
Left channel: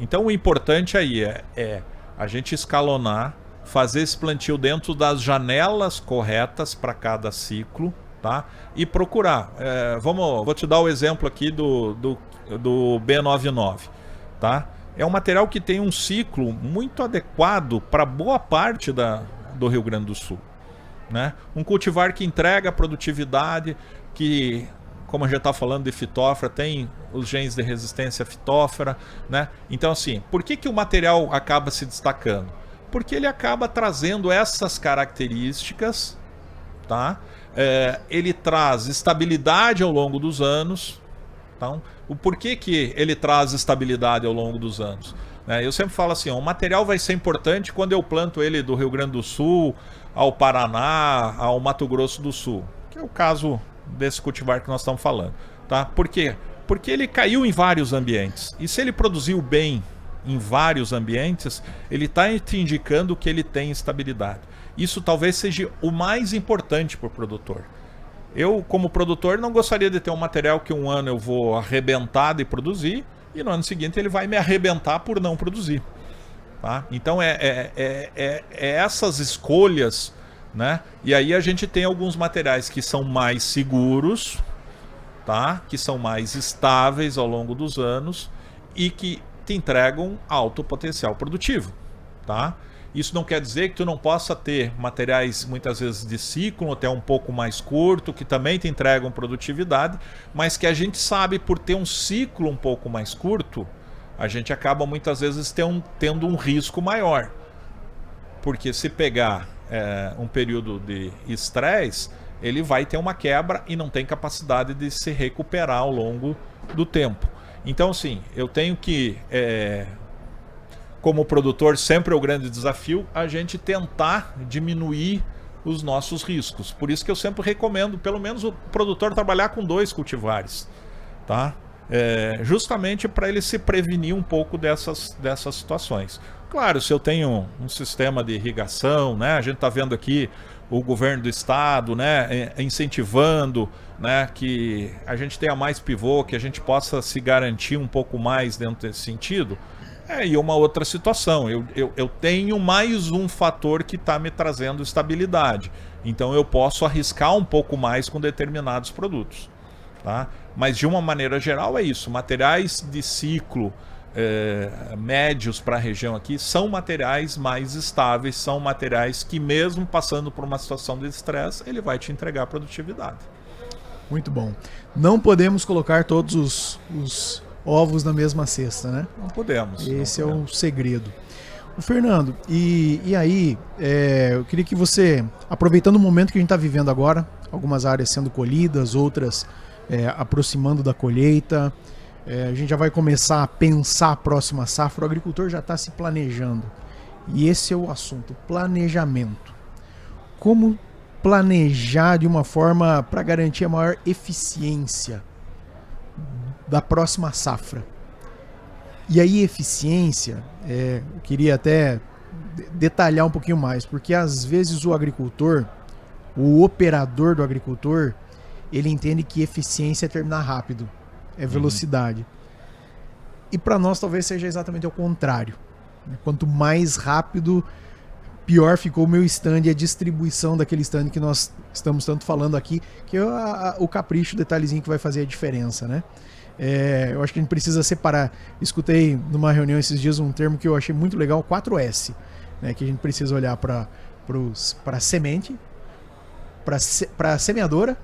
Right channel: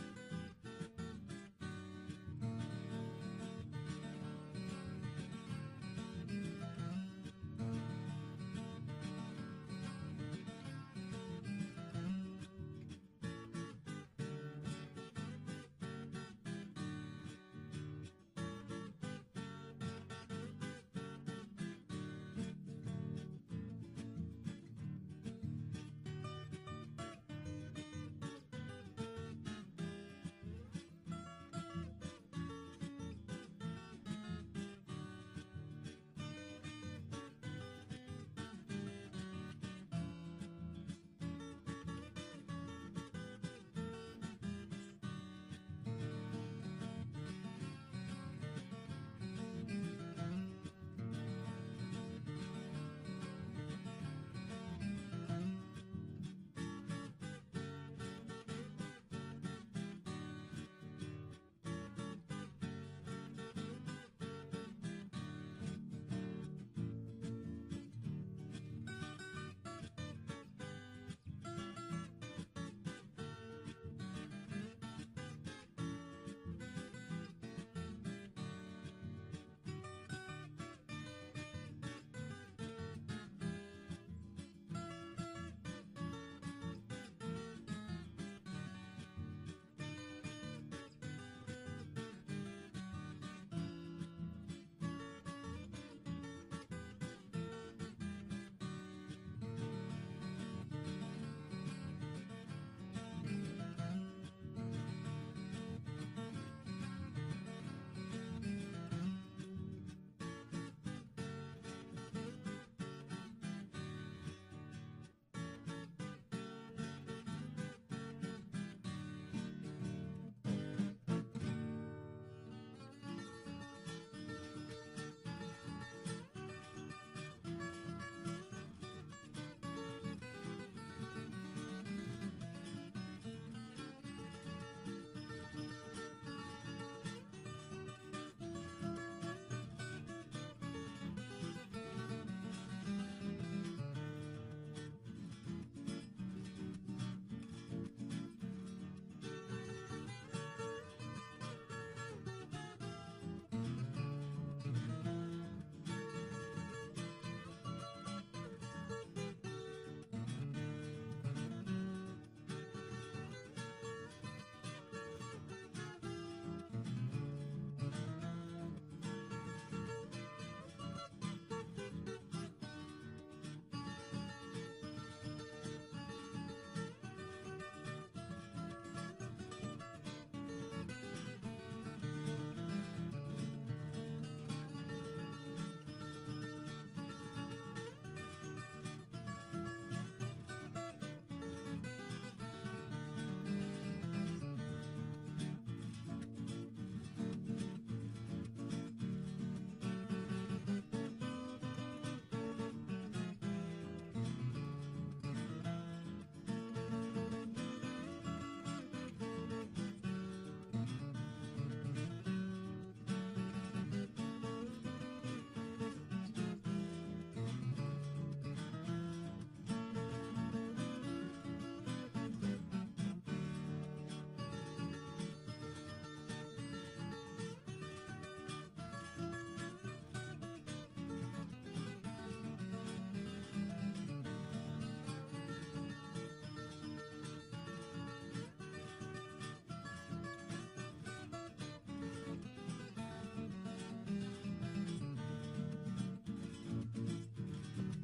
Então o importante aí é a gente escalonar, fazer esse plantio dentro das janelas corretas para cada ciclo, tá? E procurar. Vou te dar o exemplo aqui do B99, tá? É um material que tem um ciclo muito adequado para boa parte do Rio Grande do Sul, né? Um cultivar que entrega produtividade, que, como a gente está falando de fitófora, tem os genes de resistência à fitófora, né? Então, assim, por que o material acaba se destacando? Porque ele acaba trazendo essas características, tá? ele traz estabilidade ao longo dos anos. Então, o porquê que ele traz estabilidade ao longo dos anos? Eu sempre falo assim, o material vai ser importante quando eu planto ele do Rio Grande do Sul ao Paraná, ao Mato Grosso do Sul, que é o caso desse cultivar que nós estamos falando. Tá? Por quê? Porque ele caiu em vários ambientes. E se ele produziu bem em vários ambientes, ele está te indicando que ele tem estabilidade. Isso talvez seja o mais importante para o produtor. Eu, como produtor, não gostaria de ter um material que um ano eu vou arrebentar de produzir e no ano seguinte ele vai me arrebentar por não produzir. Tá? Então essas escolhas, né? E aí a gente tem alguns materiais que são mais seguros, tá? Que são mais estáveis ao longo dos anos e que te entregam alto potencial produtivo, tá? Isso não quer dizer que tu não possa ter materiais muitas vezes de ciclo, até um pouco mais curto, que também te entregam produtividade, mas que a gente sabe por ter um ciclo um pouco mais curto, a gente acaba muitas vezes tendo um risco maior. Porque se pegar um período de estresse, ele vai ter uma quebra e não tem capacidade de se recuperar ao longo do tempo. Então, sim, eu tenho que, como produtor, sempre é o grande desafio a gente tentar diminuir os nossos riscos. Por isso que eu sempre recomendo, pelo menos, o produtor trabalhar com 2 cultivares, tá? Justamente para ele se prevenir um pouco dessas situações. Claro, se eu tenho um sistema de irrigação, né? A gente está vendo aqui o governo do estado, né? Incentivando, né? Que a gente tenha mais pivô, que a gente possa se garantir um pouco mais dentro desse sentido. E uma outra situação, eu tenho mais um fator que está me trazendo estabilidade. Então eu posso arriscar um pouco mais com determinados produtos, tá? Mas de uma maneira geral é isso. Materiais de ciclo médios para a região aqui são materiais mais estáveis, são materiais que mesmo passando por uma situação de estresse, ele vai te entregar produtividade. Muito bom. Não podemos colocar todos os ovos na mesma cesta, né? Não podemos. Esse é o segredo. O Fernando, e aí, eu queria que você, aproveitando o momento que a gente está vivendo agora, algumas áreas sendo colhidas, outras aproximando da colheita, a gente já vai começar a pensar a próxima safra, o agricultor já está se planejando. E esse é o assunto, planejamento. Como planejar de uma forma para garantir a maior eficiência da próxima safra? E aí eficiência, eu queria até detalhar um pouquinho mais, porque às vezes o agricultor, o operador do agricultor, ele entende que eficiência é terminar rápido, é velocidade. E para nós talvez seja exatamente o contrário. Quanto mais rápido, pior ficou o meu stand e a distribuição daquele stand que nós estamos tanto falando aqui, que é o capricho, o detalhezinho que vai fazer a diferença, né? Eu acho que a gente precisa separar. Escutei numa reunião esses dias um termo que eu achei muito legal, 4S, né? Que a gente precisa olhar para a semente, para a semeadora,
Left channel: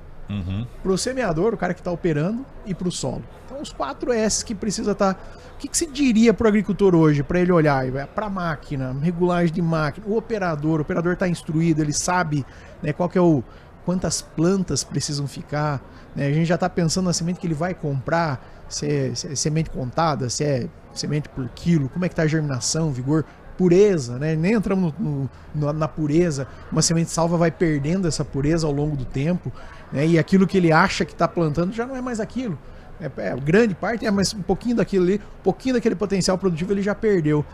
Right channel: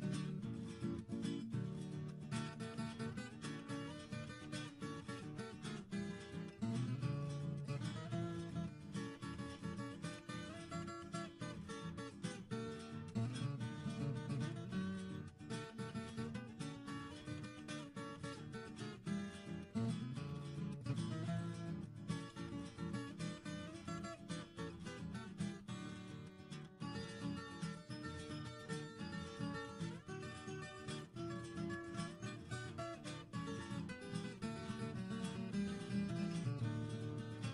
para o semeador, o cara que está operando, e para o solo. Então os 4S que precisa estar... O que se diria para o agricultor hoje, para ele olhar para a máquina, regulagem de máquina, o operador está instruído, ele sabe, né, quantas plantas precisam ficar, né? A gente já está pensando na semente que ele vai comprar, se é semente contada, se é semente por quilo, como é que está a germinação, vigor, pureza, né? Nem entramos na pureza, uma semente salva vai perdendo essa pureza ao longo do tempo, né? E aquilo que ele acha que está plantando já não é mais aquilo. Grande parte, mas um pouquinho daquilo ali, um pouquinho daquele potencial produtivo ele já perdeu.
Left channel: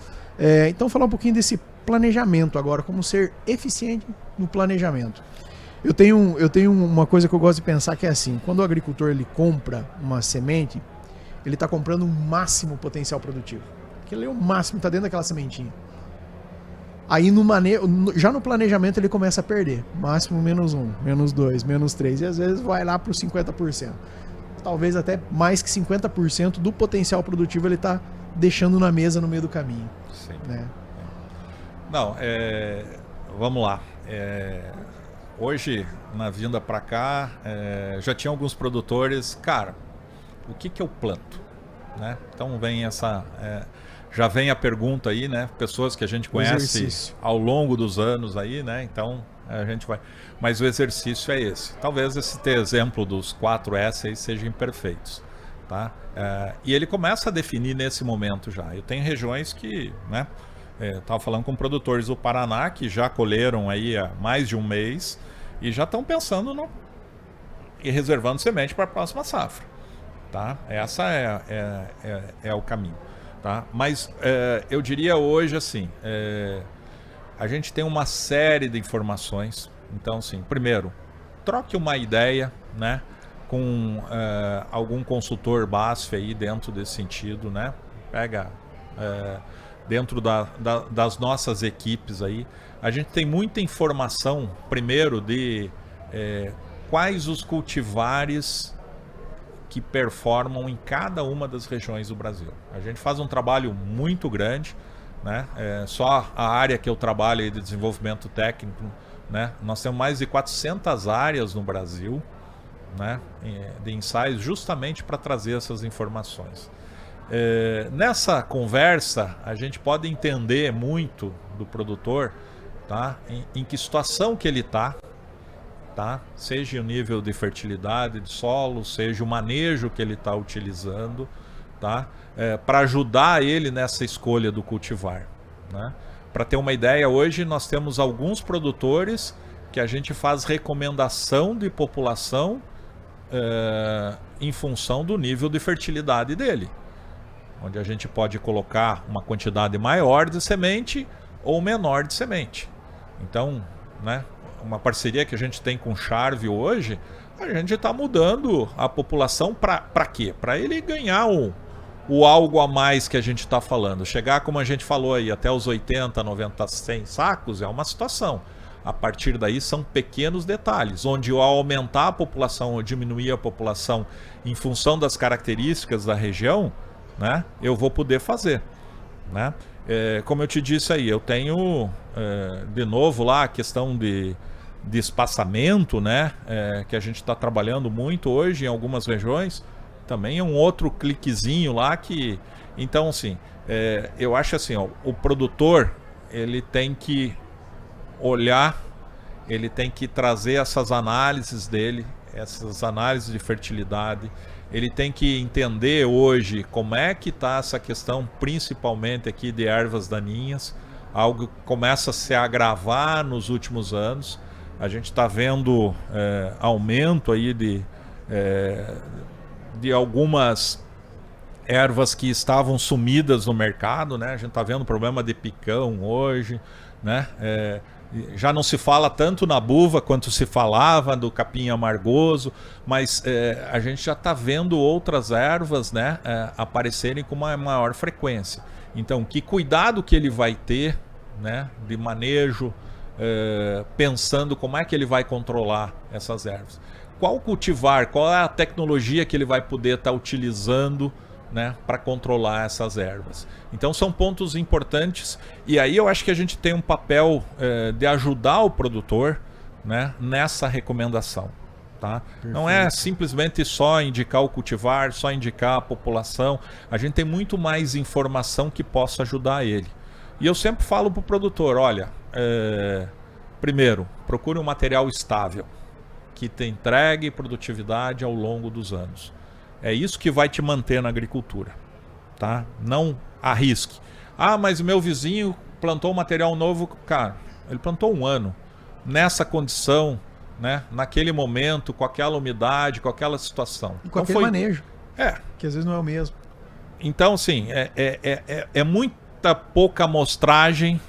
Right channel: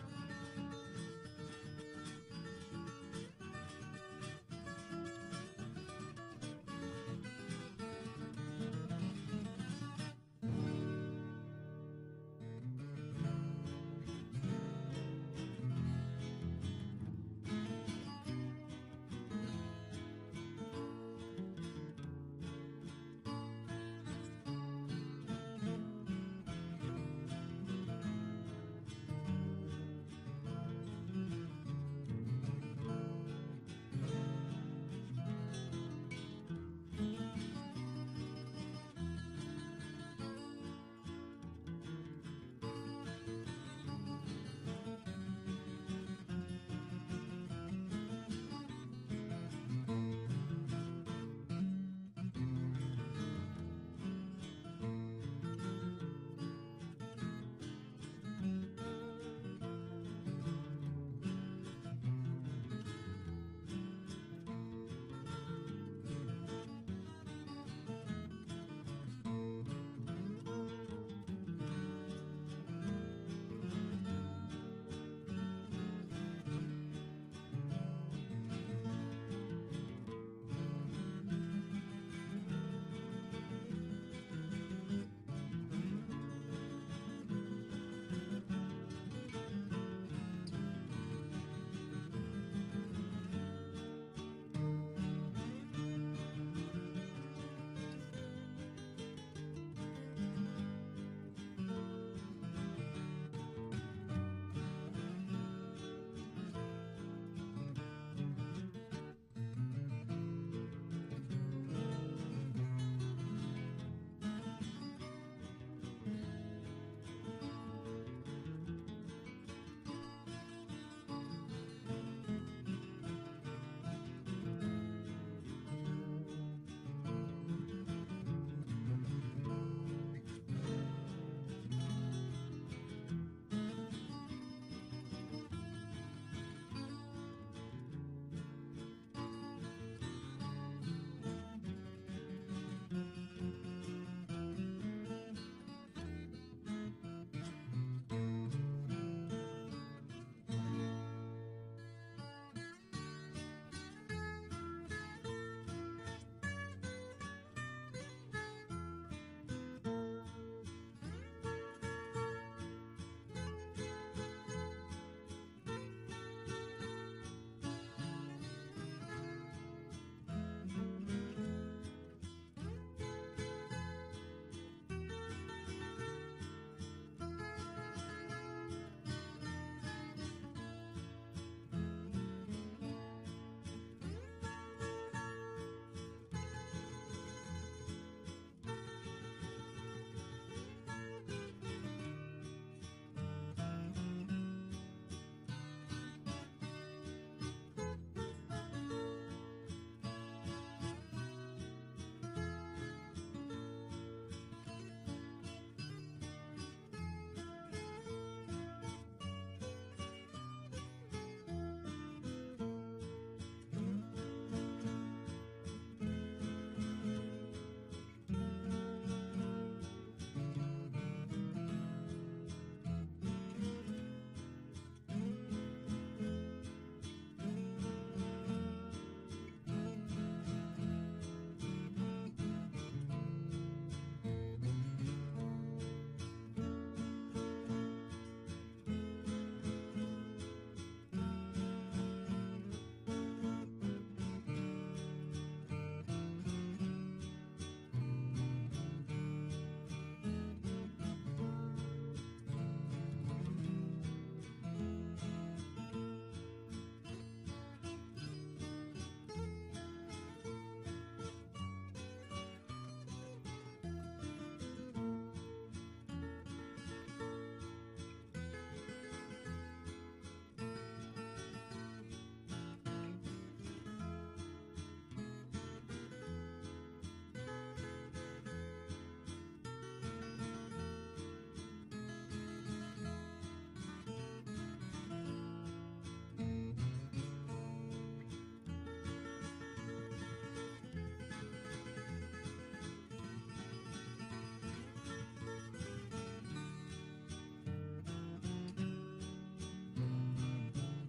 Então falar um pouquinho desse planejamento agora, como ser eficiente no planejamento. Eu tenho uma coisa que eu gosto de pensar que é assim, quando o agricultor ele compra uma semente, ele está comprando um máximo potencial produtivo. Aquilo é o máximo, está dentro daquela sementinha. Aí já no planejamento ele começa a perder. Máximo -1, -2, -3 e às vezes vai lá para os 50%. Talvez até mais que 50% do potencial produtivo ele está deixando na mesa no meio do caminho. Sim. Né? Não, vamos lá. Hoje, na vinda para cá, já tinha alguns produtores, cara, o que eu planto? Né? Então vem já vem a pergunta aí, né? Pessoas que a gente conhece ao longo dos anos aí, né? Então, A gente vai. Mas o exercício é esse. Talvez esse exemplo dos 4S aí sejam imperfeitos, tá? E ele começa a definir nesse momento já. Eu tenho regiões que, né? Estava falando com produtores do Paraná que já colheram aí há mais de um mês e já estão pensando e reservando semente para a próxima safra, tá? Essa é o caminho, tá? Mas eu diria hoje assim, a gente tem uma série de informações. Então, assim, primeiro, troque uma ideia, né, com algum consultor BASF aí dentro desse sentido, né? Pega dentro das nossas equipes aí. A gente tem muita informação, primeiro, de quais os cultivares que performam em cada uma das regiões do Brasil. A gente faz um trabalho muito grande, né? Só a área que eu trabalho aí de desenvolvimento técnico, né? Nós temos mais de 400 áreas no Brasil, né? De ensaios justamente para trazer essas informações. Nessa conversa, a gente pode entender muito do produtor, tá? Em que situação que ele está, tá? Seja o nível de fertilidade de solo, seja o manejo que ele está utilizando, tá? Para ajudar ele nessa escolha do cultivar, né? Para ter uma ideia, hoje nós temos alguns produtores que a gente faz recomendação de população em função do nível de fertilidade dele, onde a gente pode colocar uma quantidade maior de semente ou menor de semente. Então, né, uma parceria que a gente tem com o Charve hoje, a gente está mudando a população para quê? Para ele ganhar o algo a mais que a gente está falando. Chegar, como a gente falou aí, até os 80, 90, 100 sacos é uma situação. A partir daí são pequenos detalhes, onde ao aumentar a população ou diminuir a população em função das características da região, né, eu vou poder fazer, né? Como eu te disse aí, eu tenho de novo lá a questão de espaçamento, né, que a gente está trabalhando muito hoje em algumas regiões. Também é um outro cliquezinho lá que... Então, assim, eu acho assim, ó, o produtor, ele tem que olhar, ele tem que trazer essas análises dele, essas análises de fertilidade. Ele tem que entender hoje como é que está essa questão, principalmente aqui de ervas daninhas, algo que começa a se agravar nos últimos anos. A gente está vendo aumento aí de algumas ervas que estavam sumidas no mercado, né? A gente está vendo problema de picão hoje, né? Já não se fala tanto na buva quanto se falava do capim amargoso, mas a gente já está vendo outras ervas, né, aparecerem com uma maior frequência. Então, que cuidado que ele vai ter, né, de manejo, pensando como é que ele vai controlar essas ervas. Qual cultivar, qual é a tecnologia que ele vai poder estar utilizando, né, para controlar essas ervas. Então são pontos importantes, e aí eu acho que a gente tem um papel de ajudar o produtor, né, nessa recomendação, tá? Não é simplesmente só indicar o cultivar, só indicar a população. A gente tem muito mais informação que possa ajudar ele. E eu sempre falo para o produtor, olha, primeiro, procure um material estável, que te entregue produtividade ao longo dos anos. É isso que vai te manter na agricultura, tá? Não arrisque. Ah, mas o meu vizinho plantou um material novo. Cara, ele plantou um ano nessa condição, né? Naquele momento, com aquela umidade, com aquela situação. E com aquele manejo. Que às vezes não é o mesmo. Então, assim, é muita pouca amostragem,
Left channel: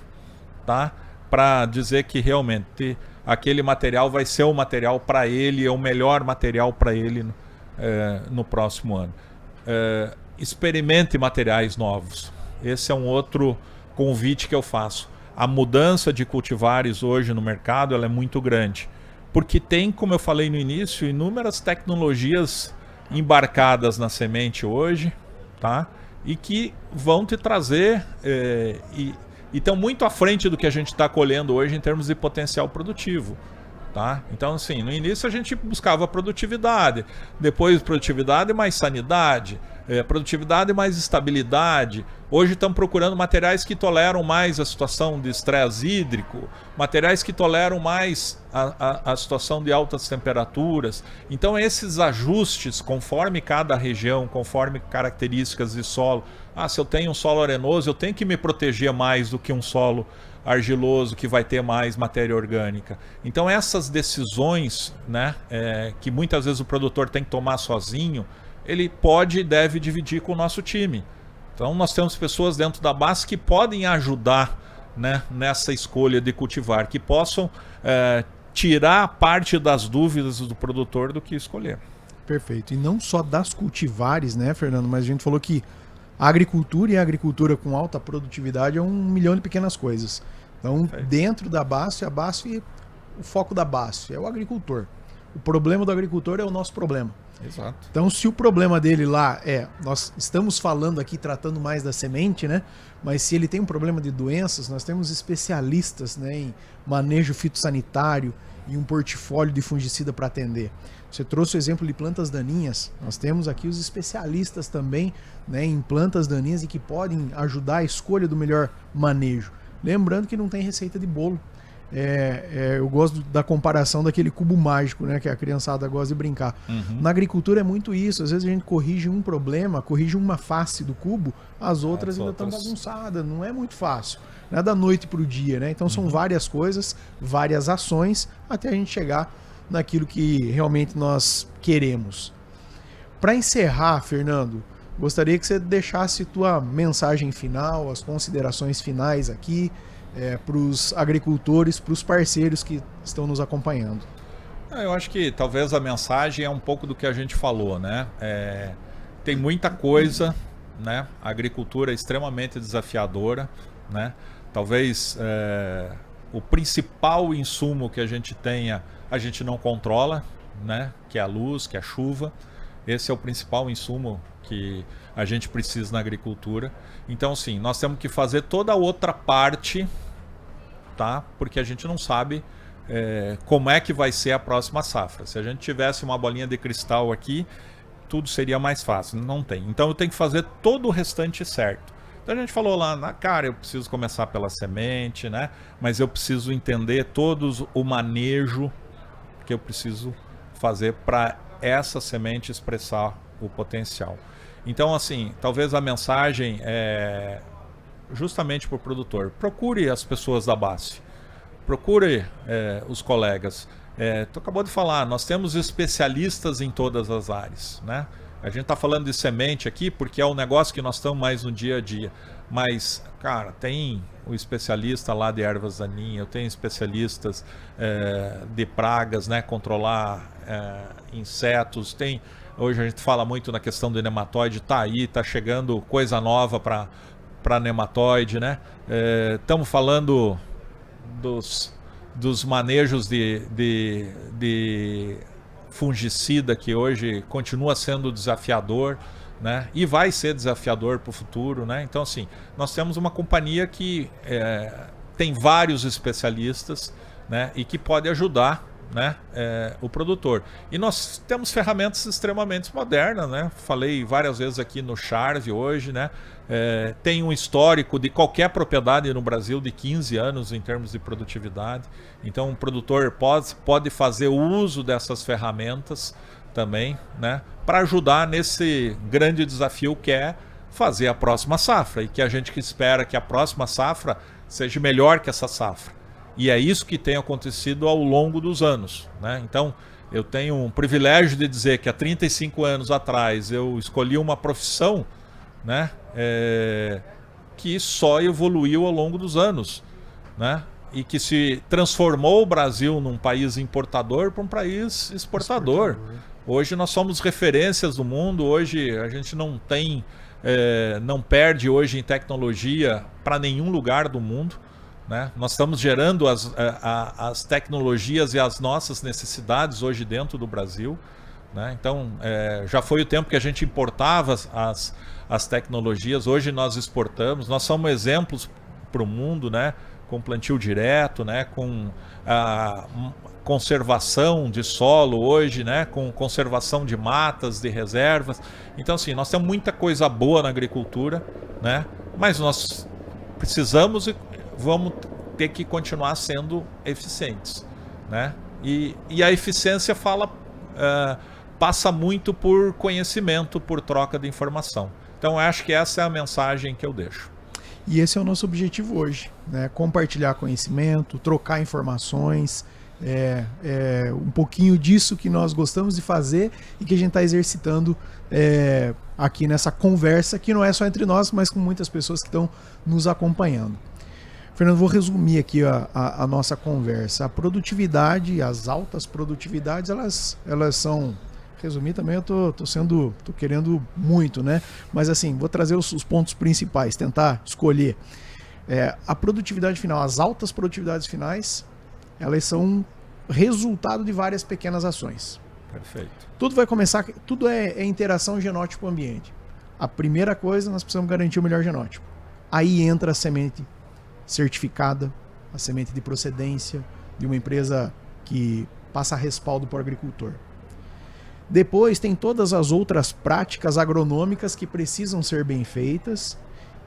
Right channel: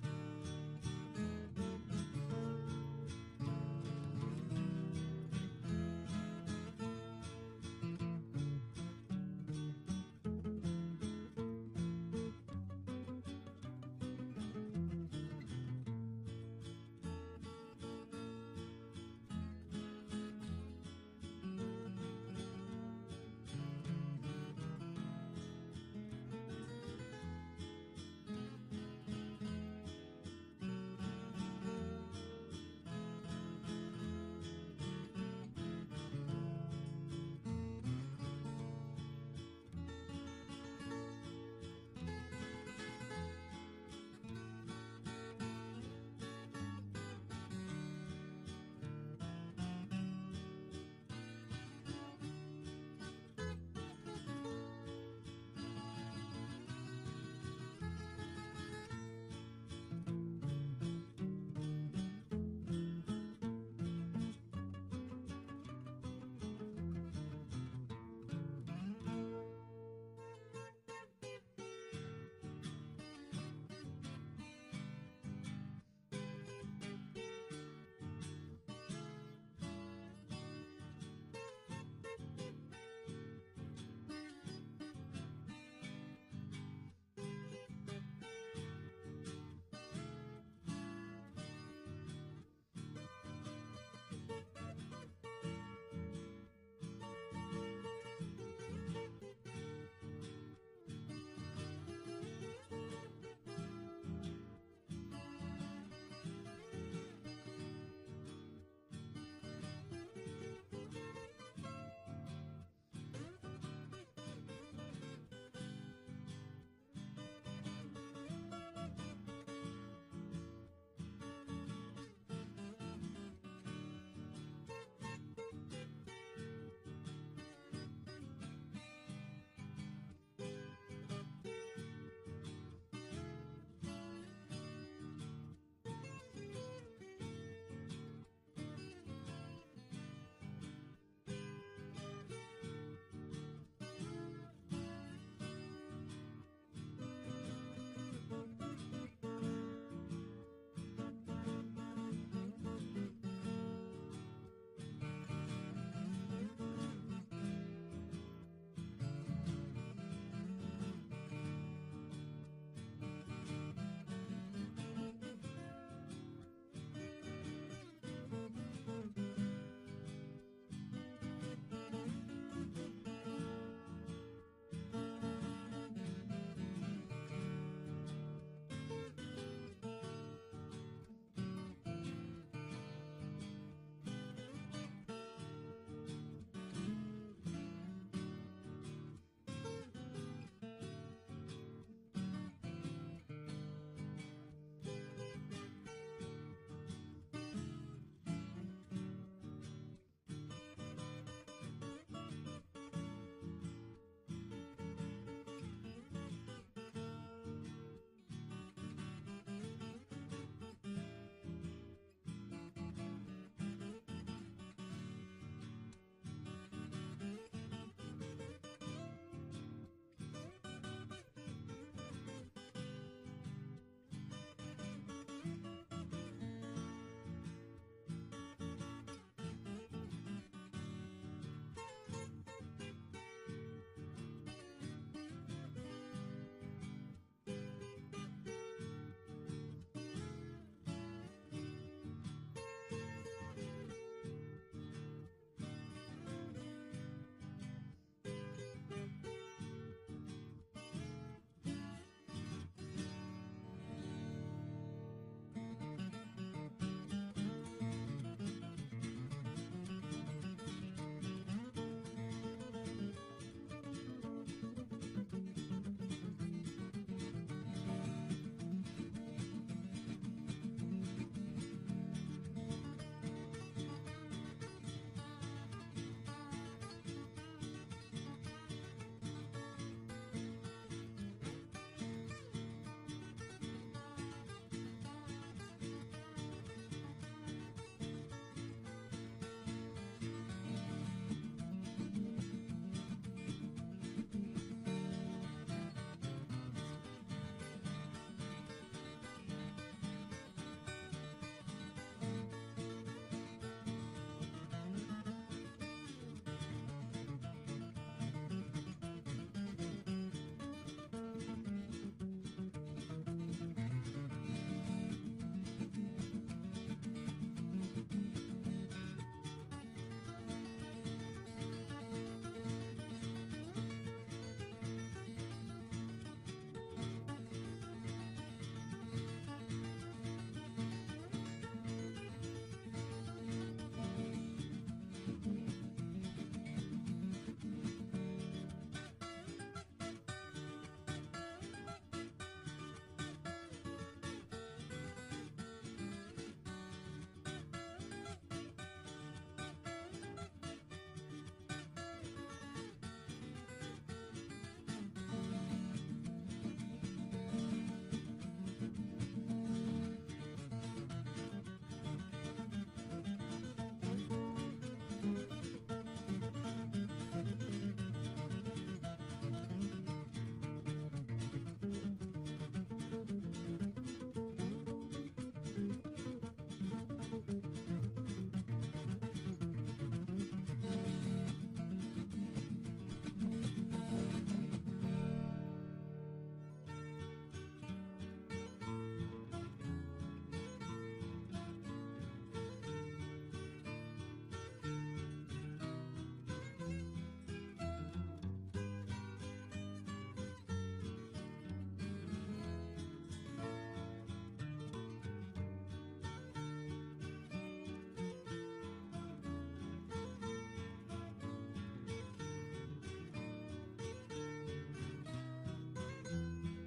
tá? Para dizer que realmente aquele material vai ser o material para ele, é o melhor material para ele no próximo ano. Experimente materiais novos. Esse é um outro convite que eu faço. A mudança de cultivares hoje no mercado, ela é muito grande, porque tem, como eu falei no início, inúmeras tecnologias embarcadas na semente hoje, tá? E que vão te trazer e estão muito à frente do que a gente está colhendo hoje em termos de potencial produtivo. Tá? Então, assim, no início a gente buscava produtividade, depois produtividade mais sanidade, produtividade mais estabilidade. Hoje estão procurando materiais que toleram mais a situação de estresse hídrico, materiais que toleram mais a situação de altas temperaturas. Então esses ajustes, conforme cada região, conforme características de solo. Se eu tenho um solo arenoso, eu tenho que me proteger mais do que um solo argiloso, que vai ter mais matéria orgânica. Então essas decisões, né, que muitas vezes o produtor tem que tomar sozinho, ele pode e deve dividir com o nosso time. Então nós temos pessoas dentro da base que podem ajudar, né, nessa escolha de cultivar, que possam tirar parte das dúvidas do produtor do que escolher. Perfeito. E não só das cultivares, né, Fernando, mas a gente falou que a agricultura e a agricultura com alta produtividade é 1 milhão de pequenas coisas. Então, dentro da BASF, o foco da BASF é o agricultor. O problema do agricultor é o nosso problema. Exato. Então, se o problema dele lá nós estamos falando aqui, tratando mais da semente, né? Mas se ele tem um problema de doenças, nós temos especialistas, né, em manejo fitossanitário e um portfólio de fungicida para atender. Você trouxe o exemplo de plantas daninhas. Nós temos aqui os especialistas também, né, em plantas daninhas e que podem ajudar a escolha do melhor manejo. Lembrando que não tem receita de bolo. Eu gosto da comparação daquele cubo mágico, né, que a criançada gosta de brincar. Na agricultura é muito isso. Às vezes a gente corrige um problema, corrige uma face do cubo, as outras ainda estão bagunçadas. Não é muito fácil. Não é da noite para o dia, né? Então são várias coisas, várias ações, até a gente chegar naquilo que realmente nós queremos. Para encerrar, Fernando, gostaria que você deixasse tua mensagem final, as considerações finais aqui, para os agricultores, para os parceiros que estão nos acompanhando. Eu acho que talvez a mensagem é um pouco do que a gente falou, né? Tem muita coisa, né? A agricultura é extremamente desafiadora, né? Talvez o principal insumo que a gente tenha, a gente não controla, né? Que é a luz, que é a chuva. Esse é o principal insumo que a gente precisa na agricultura. Então, sim, nós temos que fazer toda a outra parte, tá? Porque a gente não sabe como é que vai ser a próxima safra. Se a gente tivesse uma bolinha de cristal aqui, tudo seria mais fácil. Não tem. Então, eu tenho que fazer todo o restante certo. Então, a gente falou lá, eu preciso começar pela semente, né? Mas eu preciso entender todos o manejo que eu preciso fazer para essa semente expressar o potencial. Então, assim, talvez a mensagem é justamente para o produtor. Procure as pessoas da BASF. Procure os colegas. Tu acabou de falar, nós temos especialistas em todas as áreas, né? A gente está falando de semente aqui porque é um negócio que nós estamos mais no dia a dia. Mas, cara, tem o especialista lá de ervas daninhas, eu tenho especialistas de pragas, né? Controlar insetos, hoje a gente fala muito na questão do nematóide, tá chegando coisa nova para nematóide, né? Estamos falando dos manejos de fungicida, que hoje continua sendo desafiador, né? E vai ser desafiador para o futuro, né? Então, assim, nós temos uma companhia que tem vários especialistas, né? E que pode ajudar, né, o produtor. E nós temos ferramentas extremamente modernas, né? Falei várias vezes aqui no Charve hoje, né? Tem um histórico de qualquer propriedade no Brasil de 15 anos em termos de produtividade. Então o produtor pode fazer uso dessas ferramentas também, né, para ajudar nesse grande desafio que é fazer a próxima safra, e que a gente espera que a próxima safra seja melhor que essa safra. E é isso que tem acontecido ao longo dos anos, né? Então, eu tenho um privilégio de dizer que há 35 anos atrás eu escolhi uma profissão, né, que só evoluiu ao longo dos anos, né? E que se transformou o Brasil num país importador para um país exportador. Hoje nós somos referências do mundo, hoje a gente não perde hoje em tecnologia para nenhum lugar do mundo, né? Nós estamos gerando as tecnologias e as nossas necessidades hoje dentro do Brasil, né? Então, já foi o tempo que a gente importava as tecnologias, hoje nós exportamos, nós somos exemplos para o mundo, né? Com plantio direto, né? Com conservação de solo hoje, né? Com conservação de matas, de reservas. Então, assim, nós temos muita coisa boa na agricultura, né? Mas nós precisamos e vamos ter que continuar sendo eficientes, né? E a eficiência passa muito por conhecimento, por troca de informação. Então, eu acho que essa é a mensagem que eu deixo. E esse é o nosso objetivo hoje, né? Compartilhar conhecimento, trocar informações, um pouquinho disso que nós gostamos de fazer e que a gente está exercitando aqui nessa conversa, que não é só entre nós, mas com muitas pessoas que estão nos acompanhando. Fernando, vou resumir aqui a nossa conversa. A produtividade, as altas produtividades, elas são... Resumir também, eu tô querendo muito, né? Mas assim, vou trazer os pontos principais, tentar escolher. A produtividade final, as altas produtividades finais, elas são resultado de várias pequenas ações. Perfeito. Tudo vai começar, tudo é interação genótipo-ambiente. A primeira coisa, nós precisamos garantir o melhor genótipo. Aí entra a semente certificada, a semente de procedência de uma empresa que passa respaldo para o agricultor. Depois tem todas as outras práticas agronômicas que precisam ser bem feitas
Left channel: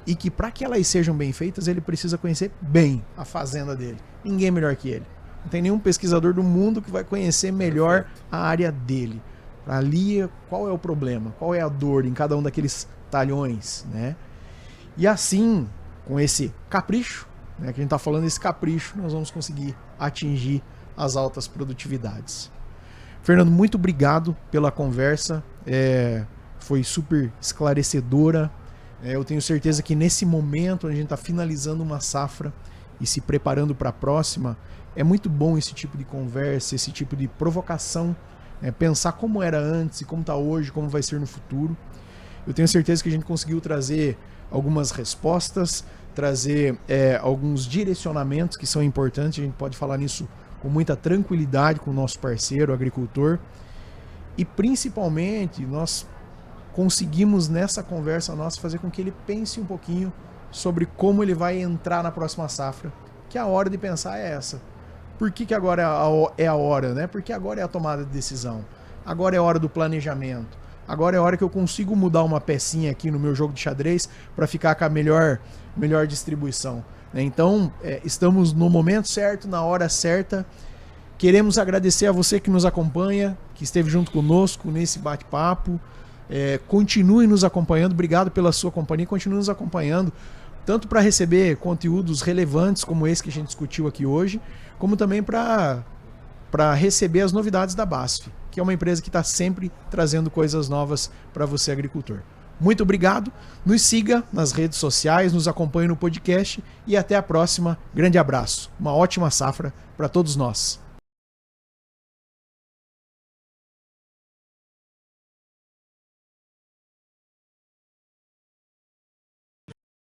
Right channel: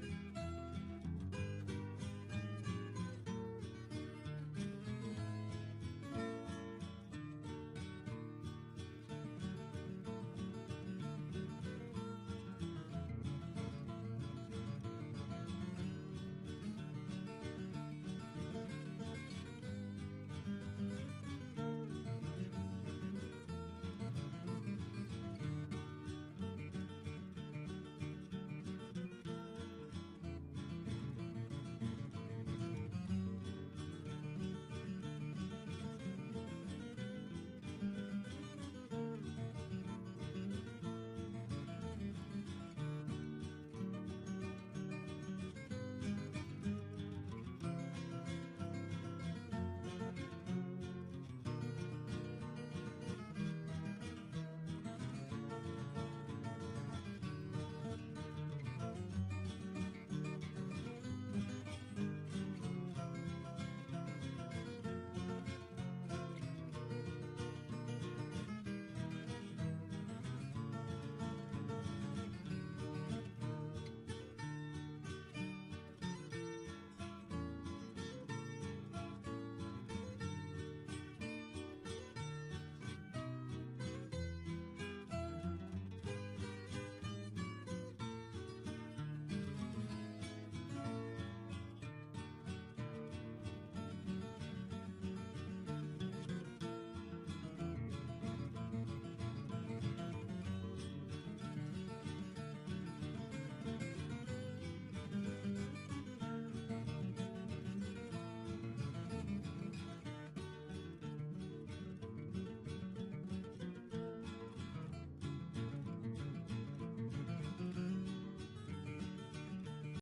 e que, para que elas sejam bem feitas, ele precisa conhecer bem a fazenda dele. Ninguém melhor que ele. Não tem nenhum pesquisador do mundo que vai conhecer melhor a área dele. Ali, qual é o problema? Qual é a dor em cada um daqueles talhões, né? E assim, com esse capricho, né, que a gente está falando, esse capricho, nós vamos conseguir atingir as altas produtividades. Fernando, muito obrigado pela conversa, foi super esclarecedora. Eu tenho certeza que nesse momento, onde a gente está finalizando uma safra e se preparando para a próxima, é muito bom esse tipo de conversa, esse tipo de provocação, pensar como era antes e como está hoje, como vai ser no futuro. Eu tenho certeza que a gente conseguiu trazer algumas respostas, trazer alguns direcionamentos que são importantes, a gente pode falar nisso com muita tranquilidade com o nosso parceiro, o agricultor. E principalmente, nós conseguimos nessa conversa nossa fazer com que ele pense um pouquinho sobre como ele vai entrar na próxima safra, que a hora de pensar é essa. Por que agora é a hora, né? Porque agora é a tomada de decisão. Agora é a hora do planejamento. Agora é a hora que eu consigo mudar uma pecinha aqui no meu jogo de xadrez para ficar com a melhor distribuição. Então, estamos no momento certo, na hora certa. Queremos agradecer a você que nos acompanha, que esteve junto conosco nesse bate-papo. Continue nos acompanhando, obrigado pela sua companhia, continue nos acompanhando, tanto para receber conteúdos relevantes como esse que a gente discutiu aqui hoje, como também para receber as novidades da BASF, que é uma empresa que está sempre trazendo coisas novas para você, agricultor. Muito obrigado, nos siga nas redes sociais, nos acompanhe no podcast e até a próxima. Grande abraço, uma ótima safra para todos nós.